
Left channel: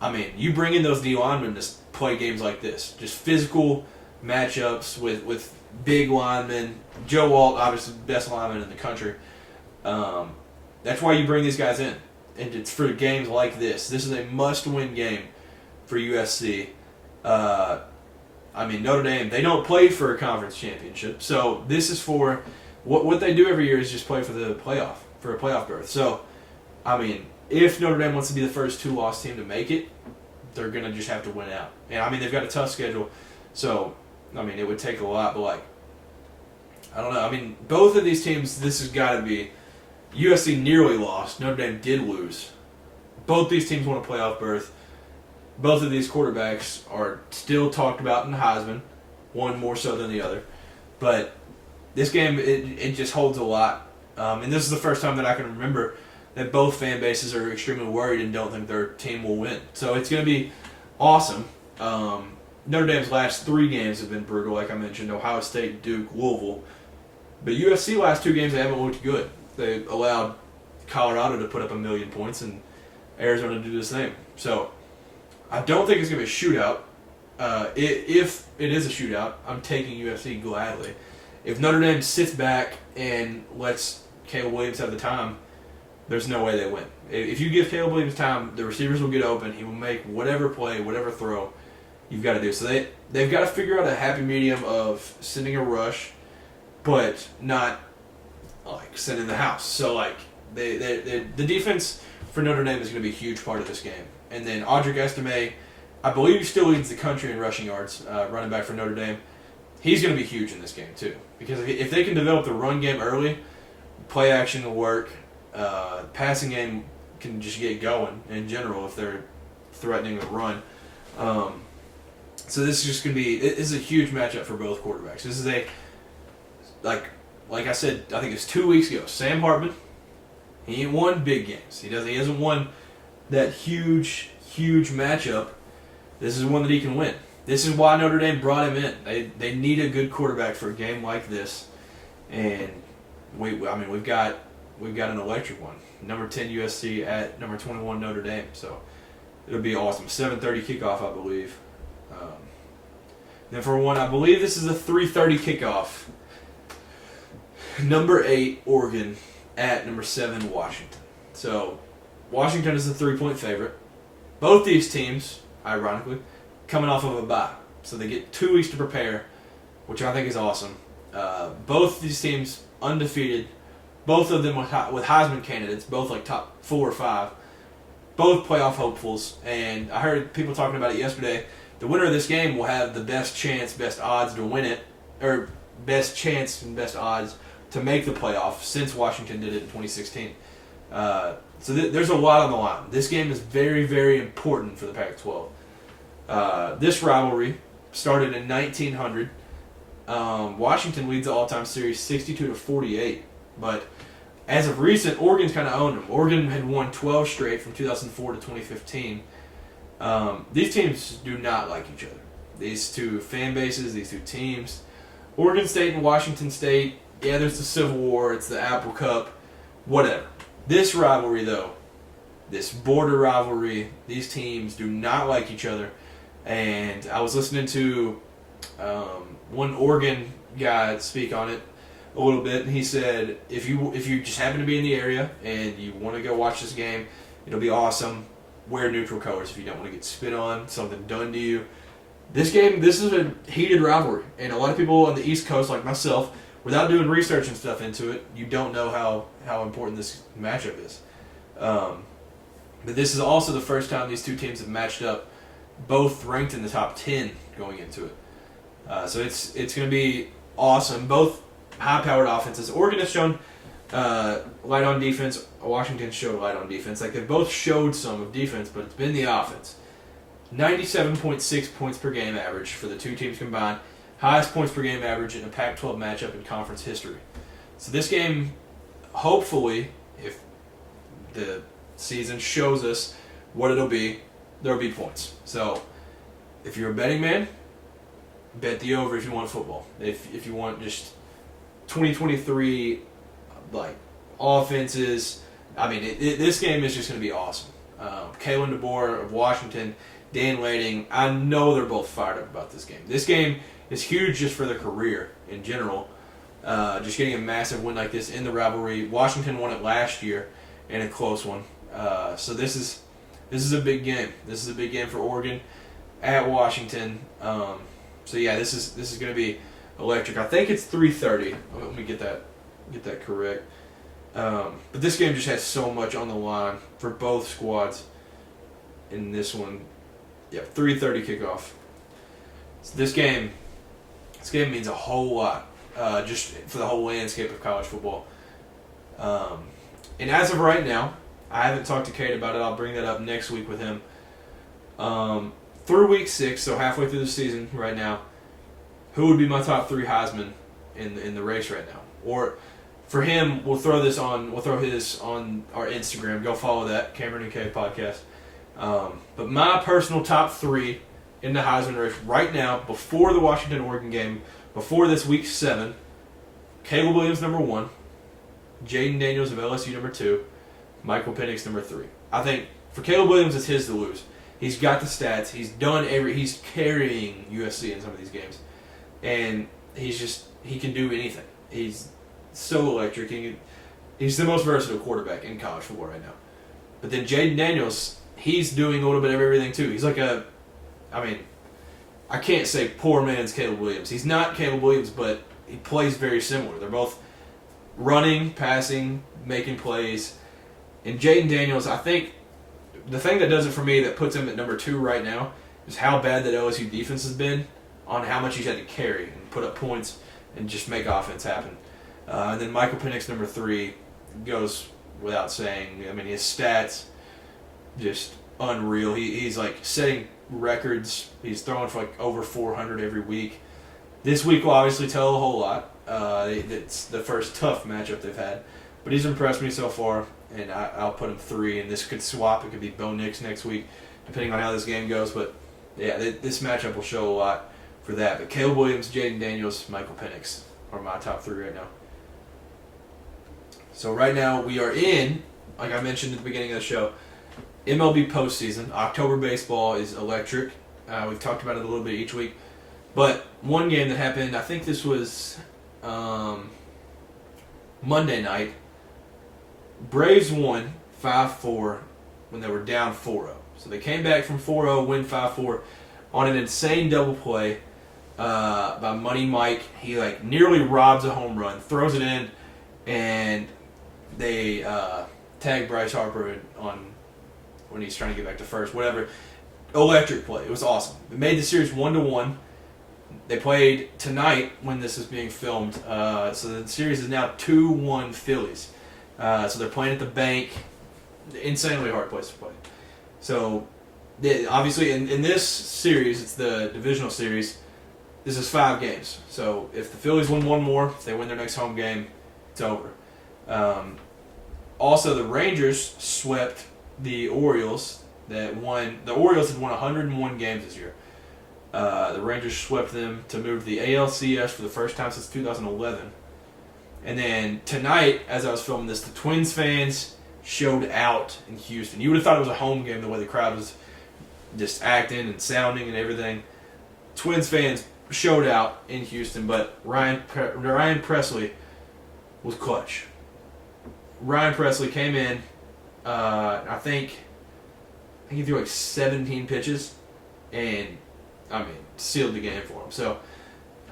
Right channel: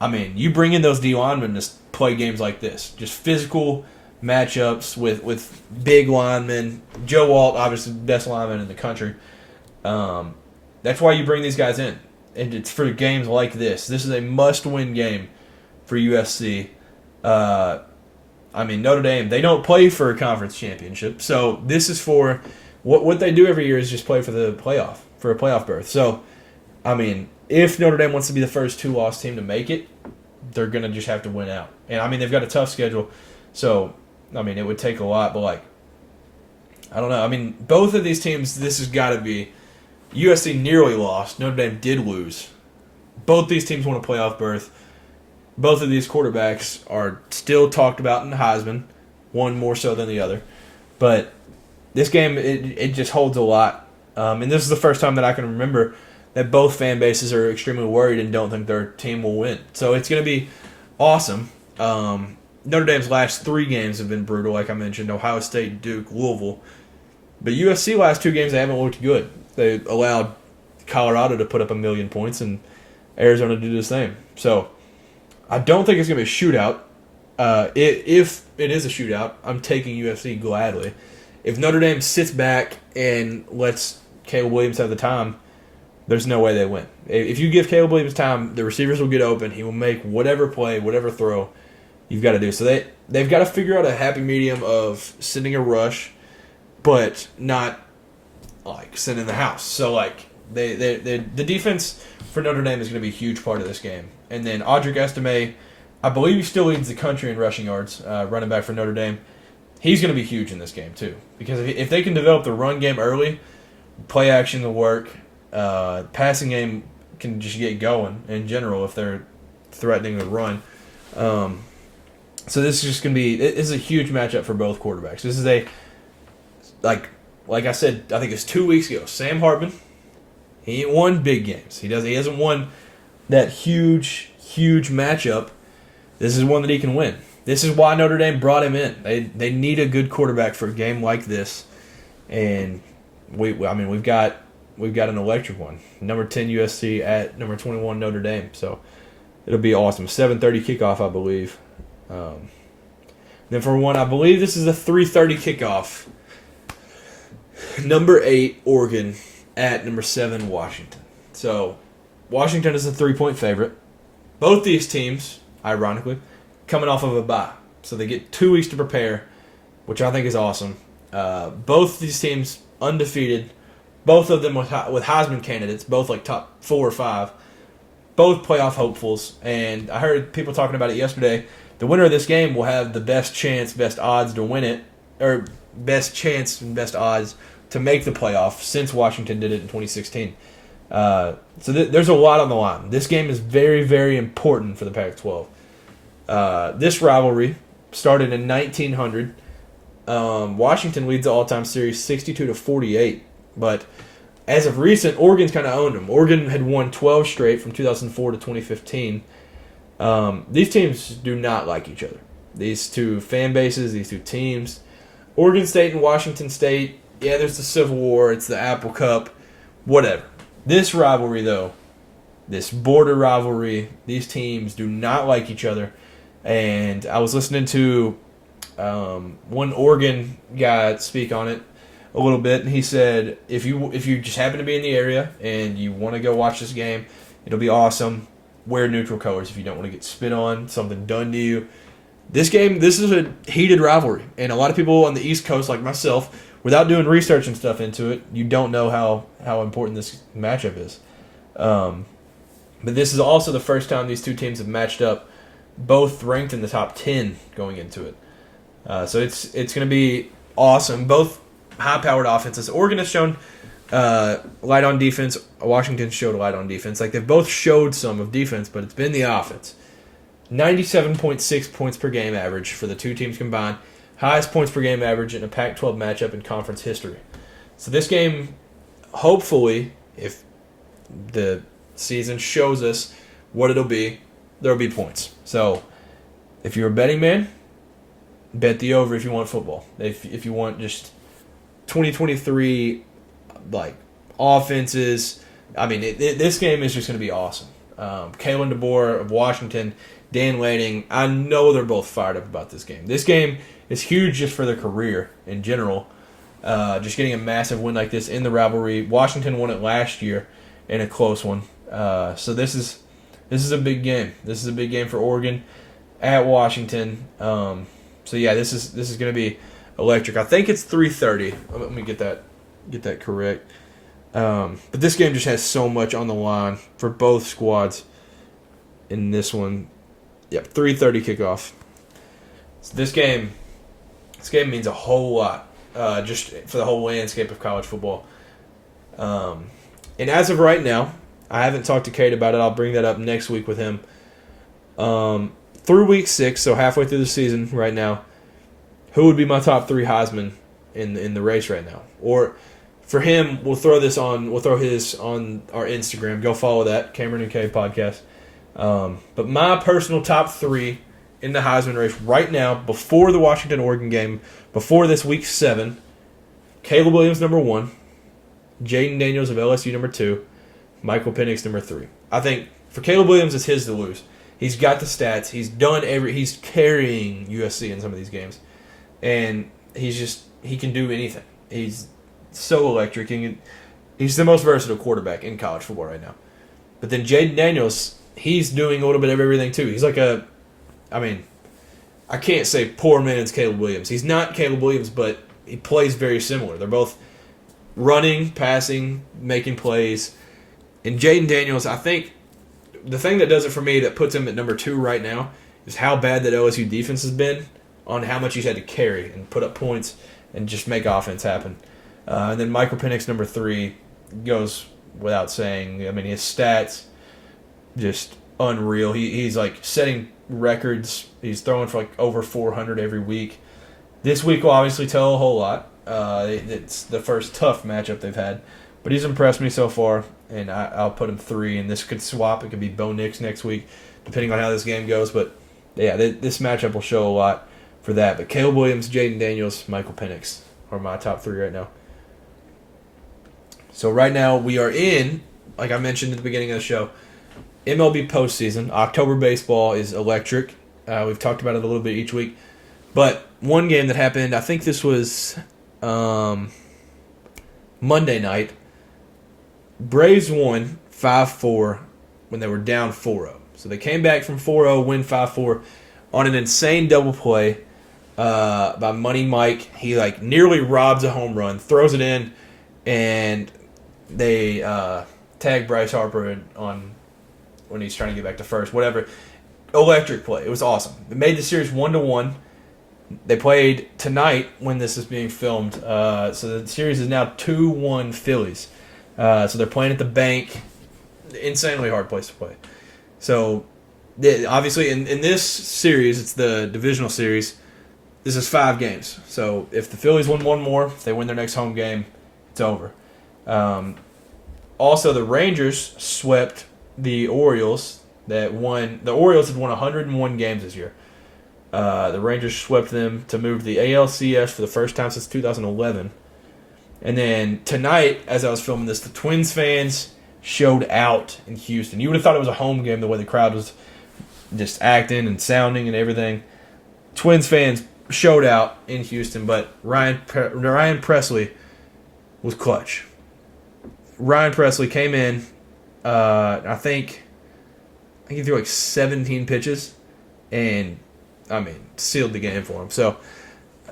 I mean, you bring in those D linemen to play games like this. Just physical matchups with big linemen. Joe Alt, obviously the best lineman in the country. That's why you bring these guys in. And it's for games like this. This is a must-win game for USC. I mean, Notre Dame, they don't play for a conference championship. So this is for what they do every year is just play for the playoff, for a playoff berth. So, I mean, if Notre Dame wants to be the first two-loss team to make it, they're going to just have to win out. And, I mean, they've got a tough schedule. So, I mean, it would take a lot. But, like, I don't know. I mean, both of these teams, this has got to be – USC nearly lost. Notre Dame did lose. Both these teams won a playoff berth. Both of these quarterbacks are still talked about in the Heisman, one more so than the other. But this game, it just holds a lot. And this is the first time that I can remember that both fan bases are extremely worried and don't think their team will win. So it's going to be awesome. Notre Dame's last 3 games have been brutal, like I mentioned. Ohio State, Duke, Louisville. But USC last 2 games, they haven't looked good. They allowed Colorado to put up 1 million points and Arizona to do the same. So I don't think it's going to be a shootout. If it is a shootout, I'm taking USC gladly. If Notre Dame sits back and lets Caleb Williams have the time, there's no way they win. If you give Caleb Williams time, the receivers will get open. He will make whatever play, whatever throw you've got to do. So they've got to figure out a happy medium of sending a rush, but not like sending the house. So like the defense for Notre Dame is going to be a huge part of this game. And then Audric Estime, I believe he still leads the country in rushing yards, running back for Notre Dame. He's going to be huge in this game too, because if they can develop the run game early, play action will work. Passing game can just get going in general if they're threatening the run. So this is just going to be – this is a huge matchup for both quarterbacks. This is a – like I said, I think it was 2 weeks ago, Sam Hartman, he ain't won big games. He hasn't won that huge matchup. This is one that he can win. This is why Notre Dame brought him in. They need a good quarterback for a game like this. And we've got an electric one. Number 10 USC at number 21 Notre Dame. So it'll be awesome. 7:30 kickoff, I believe. Then for one, I believe this is a 3:30 kickoff. Number 8 Oregon at number 7 Washington. So Washington is a 3-point favorite. Both these teams, ironically, coming off of a bye. So they get 2 weeks to prepare, which I think is awesome. Both these teams undefeated. Both of them with Heisman candidates, both like top 4 or 5. Both playoff hopefuls. And I heard people talking about it yesterday. The winner of this game will have the best chance, best odds to win it, or best chance and best odds to make the playoff since Washington did it in 2016. So there's a lot on the line. This game is very, very important for the Pac-12. This rivalry started in 1900. Washington leads the all-time series 62-48. But as of recent, Oregon's kind of owned them. Oregon had won 12 straight from 2004 to 2015. These teams do not like each other. These two fan bases, these two teams. Oregon State and Washington State, yeah, there's the Civil War, it's the Apple Cup, whatever. This rivalry, though, this border rivalry, these teams do not like each other. And I was listening to one Oregon guy speak on it a little bit, and he said, if you just happen to be in the area and you want to go watch this game, it'll be awesome. Wear neutral colors if you don't want to get spit on, something done to you. This is a heated rivalry, and a lot of people on the East Coast, like myself, without doing research and stuff into it, you don't know how important this matchup is. But this is also the first time these two teams have matched up, both ranked in the top 10 going into it. So it's going to be awesome. Both high-powered offenses. Oregon has shown light on defense. Washington showed light on defense. Like, they've both showed some of defense, but it's been the offense. 97.6 points per game average for the two teams combined. highest points per game average in a Pac-12 matchup in conference history. So this game, hopefully, if the season shows us what it'll be, there'll be points. So if you're a betting man, bet the over if you want football. If you want just 2023 like offenses, I mean, this game is just going to be awesome. Kalen DeBoer of Washington, Dan Lanning, I know they're both fired up about this game. This game is huge just for their career in general. Just getting a massive win like this in the rivalry. Washington won it last year in a close one. So this is a big game. This is a big game for Oregon at Washington. So yeah, this is going to be electric. I think it's 3:30. Let me get that correct. But this game just has so much on the line for both squads in this one. Yep, 3:30 kickoff. So this game means a whole lot, just for the whole landscape of college football. And as of right now, I haven't talked to Kate about it. I'll bring that up next week with him. Through week 6, so halfway through the season right now, who would be my top 3 Heisman in the race right now? Or for him, we'll throw his on our Instagram. Go follow that, Cameron and K podcast. But my personal top 3 in the Heisman race right now, before the Washington-Oregon game, before this week 7, Caleb Williams number 1, Jaden Daniels of LSU number 2, Michael Penix number 3. I think for Caleb Williams, it's his to lose. He's got the stats. He's carrying USC in some of these games, and he can do anything. He's so electric. He's the most versatile quarterback in college football right now. But then Jaden Daniels, he's doing a little bit of everything too. He's like I can't say poor man's Caleb Williams. He's not Caleb Williams, but he plays very similar. They're both running, passing, making plays. And Jaden Daniels, I think the thing that does it for me, that puts him at number 2 right now, is how bad that LSU defense has been on how much he's had to carry and put up points and just make offense happen. And then Michael Penix, number 3, goes without saying. I mean, his stats, just unreal. He's like setting records. He's throwing for like over 400 every week. This week will obviously tell a whole lot. It's the first tough matchup they've had. But he's impressed me so far, and I'll put him 3. And this could swap. It could be Bo Nix next week, depending on how this game goes. But yeah, this matchup will show a lot for that. But Caleb Williams, Jaden Daniels, Michael Penix are my top 3 right now. So right now we are in, like I mentioned at the beginning of the show, MLB postseason. October baseball is electric. We've talked about it a little bit each week. But one game that happened, I think this was Monday night. Braves won 5-4 when they were down 4-0. So they came back from 4-0, win 5-4 on an insane double play by Money Mike. He like nearly robs a home run, throws it in, and they tag Bryce Harper on when he's trying to get back to first. Whatever. Electric play. It was awesome. It made the series 1-1. They played tonight when this is being filmed. So the series is now 2-1 Phillies. So they're playing at the bank. Insanely hard place to play. So obviously in this series, it's the divisional series. This is 5 games. So if the Phillies win one more, if they win their next home game, it's over. Also, the Rangers swept the Orioles. The Orioles had won 101 games this year. The Rangers swept them to move to the ALCS for the first time since 2011. And then tonight, as I was filming this, the Twins fans showed out in Houston. You would have thought it was a home game the way the crowd was just acting and sounding and everything. Twins fans showed out in Houston, but Ryan Presley was clutch. Ryan Presley came in, I think he threw like 17 pitches, and sealed the game for him. So,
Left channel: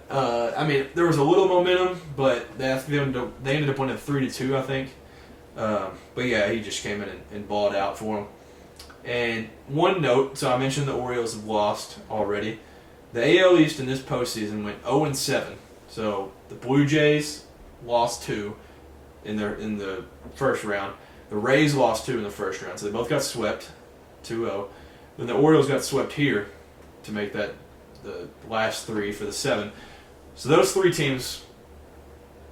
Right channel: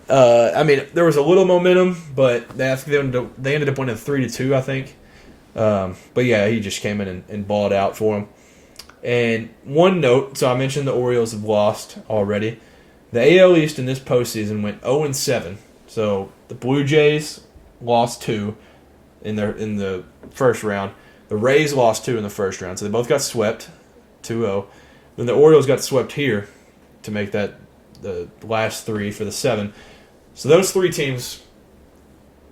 there was a little momentum, but they ended up winning 3-2, I think. But yeah, he just came in and balled out for him. And one note, so I mentioned the Orioles have lost already. The AL East in this postseason went 0-7. So the Blue Jays lost 2 in the first round. The Rays lost 2 in the first round, so they both got swept, 2-0. Then the Orioles got swept here to make that the last 3 for the 7. So those three teams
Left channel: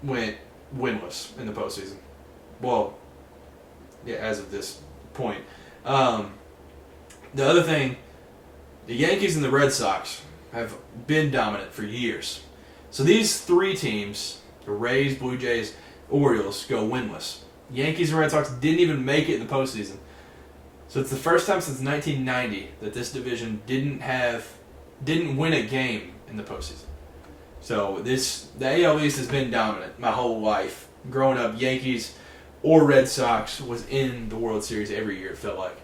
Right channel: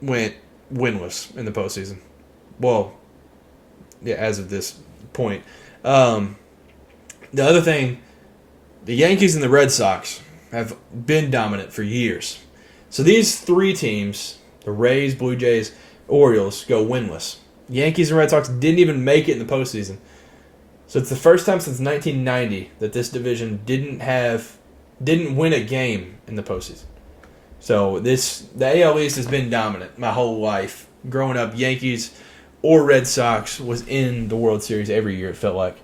went winless in the postseason. Well, yeah, as of this point. The other thing, the Yankees and the Red Sox have been dominant for years. So these three teams, the Rays, Blue Jays, Orioles, go winless. Yankees and Red Sox didn't even make it in the postseason. So it's the first time since 1990 that this division didn't win a game in the postseason. So the AL East has been dominant my whole life. Growing up, Yankees or Red Sox was in the World Series every year, it felt like.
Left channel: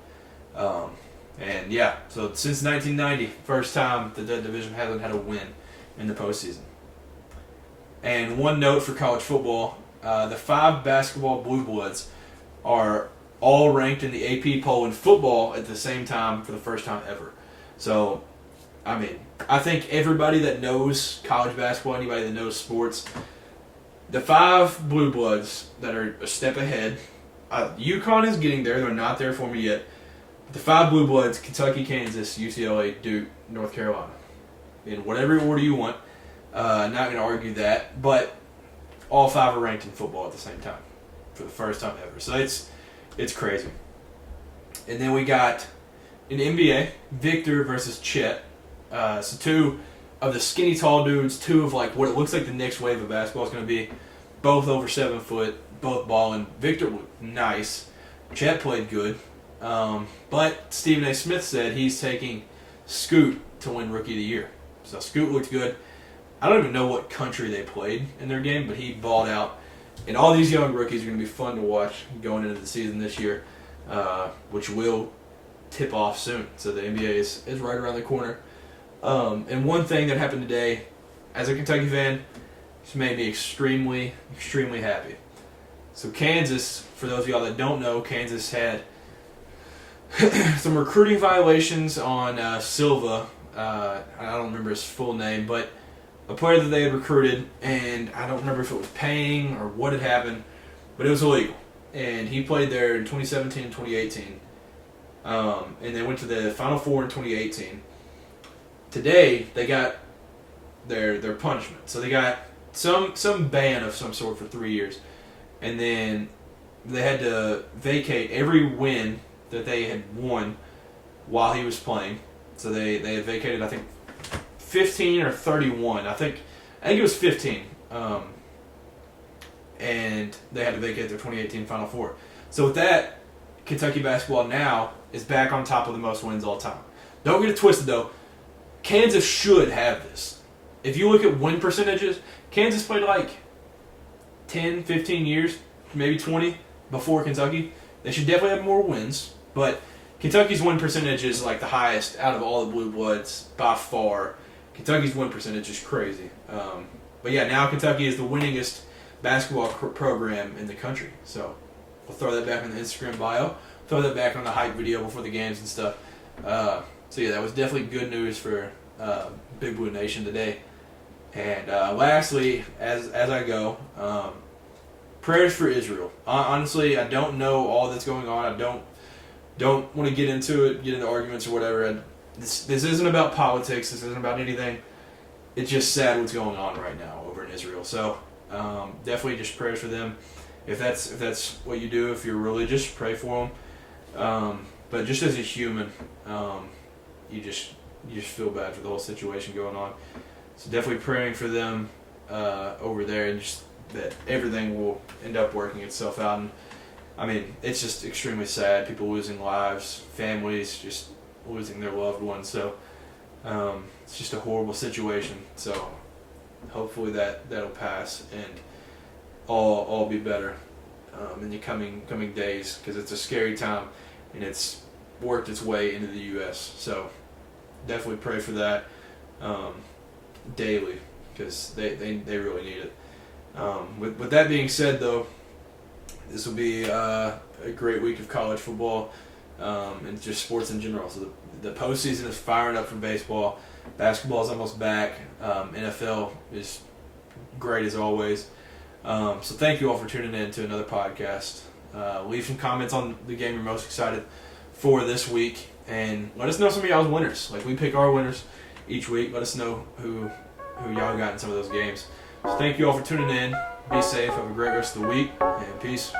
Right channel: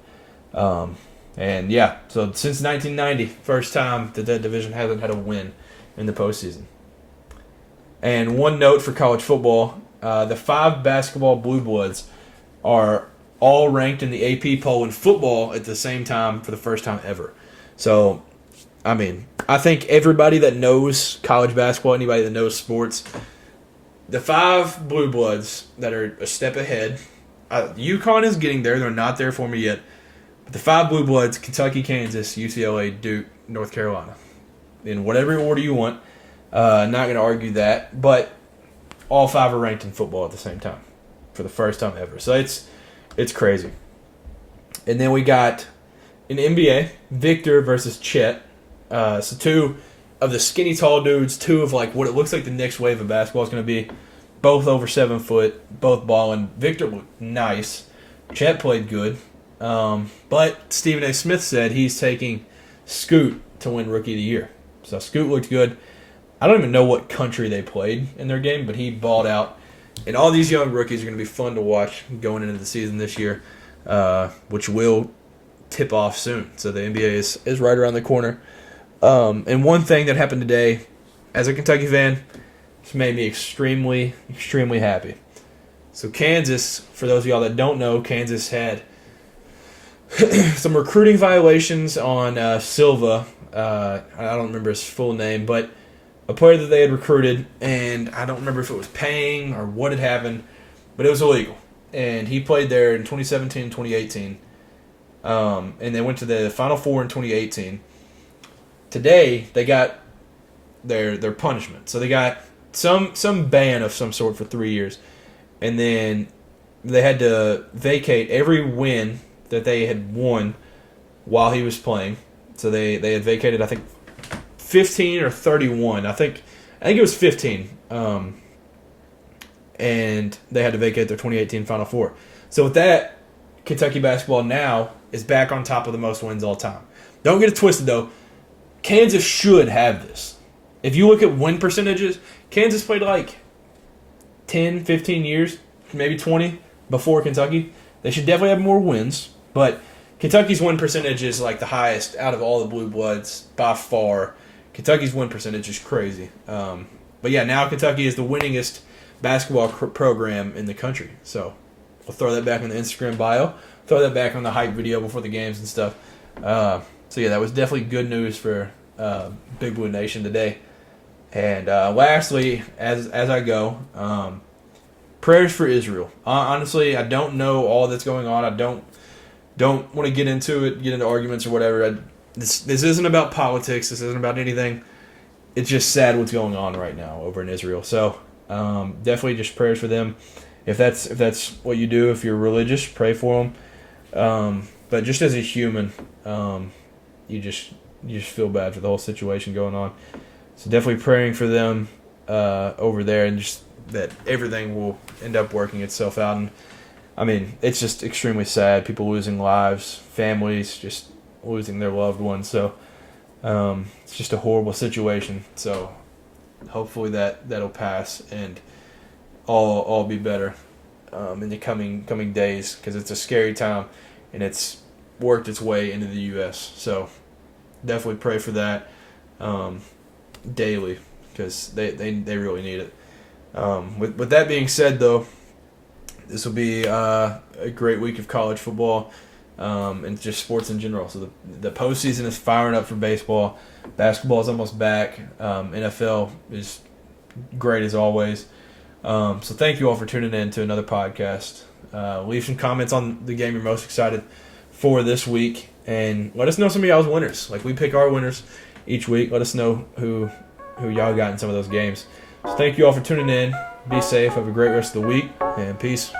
And yeah, so since 1990, first time that division hasn't had a win in the postseason. And one note for college football, the 5 basketball Blue Bloods are all ranked in the AP poll in football at the same time for the first time ever. So, I mean, I think everybody that knows college basketball, anybody that knows sports, the 5 Blue Bloods that are a step ahead, UConn is getting there. They're not there for me yet. But the 5 Blue Bloods, Kentucky, Kansas, UCLA, Duke, North Carolina. In whatever order you want. Not going to argue that. But all 5 are ranked in football at the same time for the first time ever. So it's crazy. And then we got in NBA, Victor versus Chet. So 2 of the skinny tall dudes, 2 of like what it looks like the next wave of basketball is going to be. Both over 7 foot, both balling. Victor looked nice. Chet played good. But Stephen A. Smith said he's taking Scoot to win Rookie of the Year. So Scoot looked good. I don't even know what country they played in their game, but he balled out. And all these young rookies are going to be fun to watch going into the season this year, which will tip off soon. So the NBA is right around the corner. And one thing that happened today, as a Kentucky fan, it's made me extremely, extremely happy. So Kansas, for those of y'all that don't know, Kansas had some recruiting violations on Silva. I don't remember his full name, but a player that they had recruited, and I don't remember if it was paying or what had happened, but it was illegal. And he played there in 2017 and 2018. And they went to the Final Four in 2018. Today, they got their punishment. So they got some ban of some sort for 3 years. And then they had to vacate every win that they had won while he was playing. So they had vacated, I think, 15 or 31. I think it was 15. And they had to vacate their 2018 Final Four. So with that, Kentucky basketball now is back on top of the most wins all time. Don't get it twisted, though. Kansas should have this. If you look at win percentages, Kansas played like 10, 15 years, maybe 20 before Kentucky. They should definitely have more wins, but Kentucky's win percentage is like the highest out of all the Blue Bloods by far. Kentucky's win percentage is crazy. But yeah, now Kentucky is the winningest basketball program in the country. So we'll throw that back in the Instagram bio. Throw that back on the hype video before the games and stuff. So yeah, that was definitely good news for Big Blue Nation today. And lastly, as I go, prayers for Israel. Honestly, I don't know all that's going on. I don't want to get into arguments or whatever. This isn't about politics. This isn't about anything. It's just sad what's going on right now over in Israel. So definitely just prayers for them. If that's what you do, if you're religious, pray for them. But just as a human, you just feel bad for the whole situation going on. So definitely praying for them over there, and just that everything will end up working itself out. And I mean, it's just extremely sad. People losing lives, families just losing their loved ones. So it's just a horrible situation. So hopefully that'll pass and all be better in the coming days, because it's a scary time and it's worked its way into the U.S. So definitely pray for that daily, because they really need it. With that being said, though, this will be a great week of college football and just sports in general. So the postseason is firing up for baseball. Basketball is almost back. NFL is great as always. So thank you all for tuning in to another podcast. Leave some comments on the game you're most excited for this week, and let us know some of y'all's winners. Like, we pick our winners each week. Let us know who who y'all got in some of those games. So thank you all for tuning in. Be safe. Have a great rest of the week, and peace.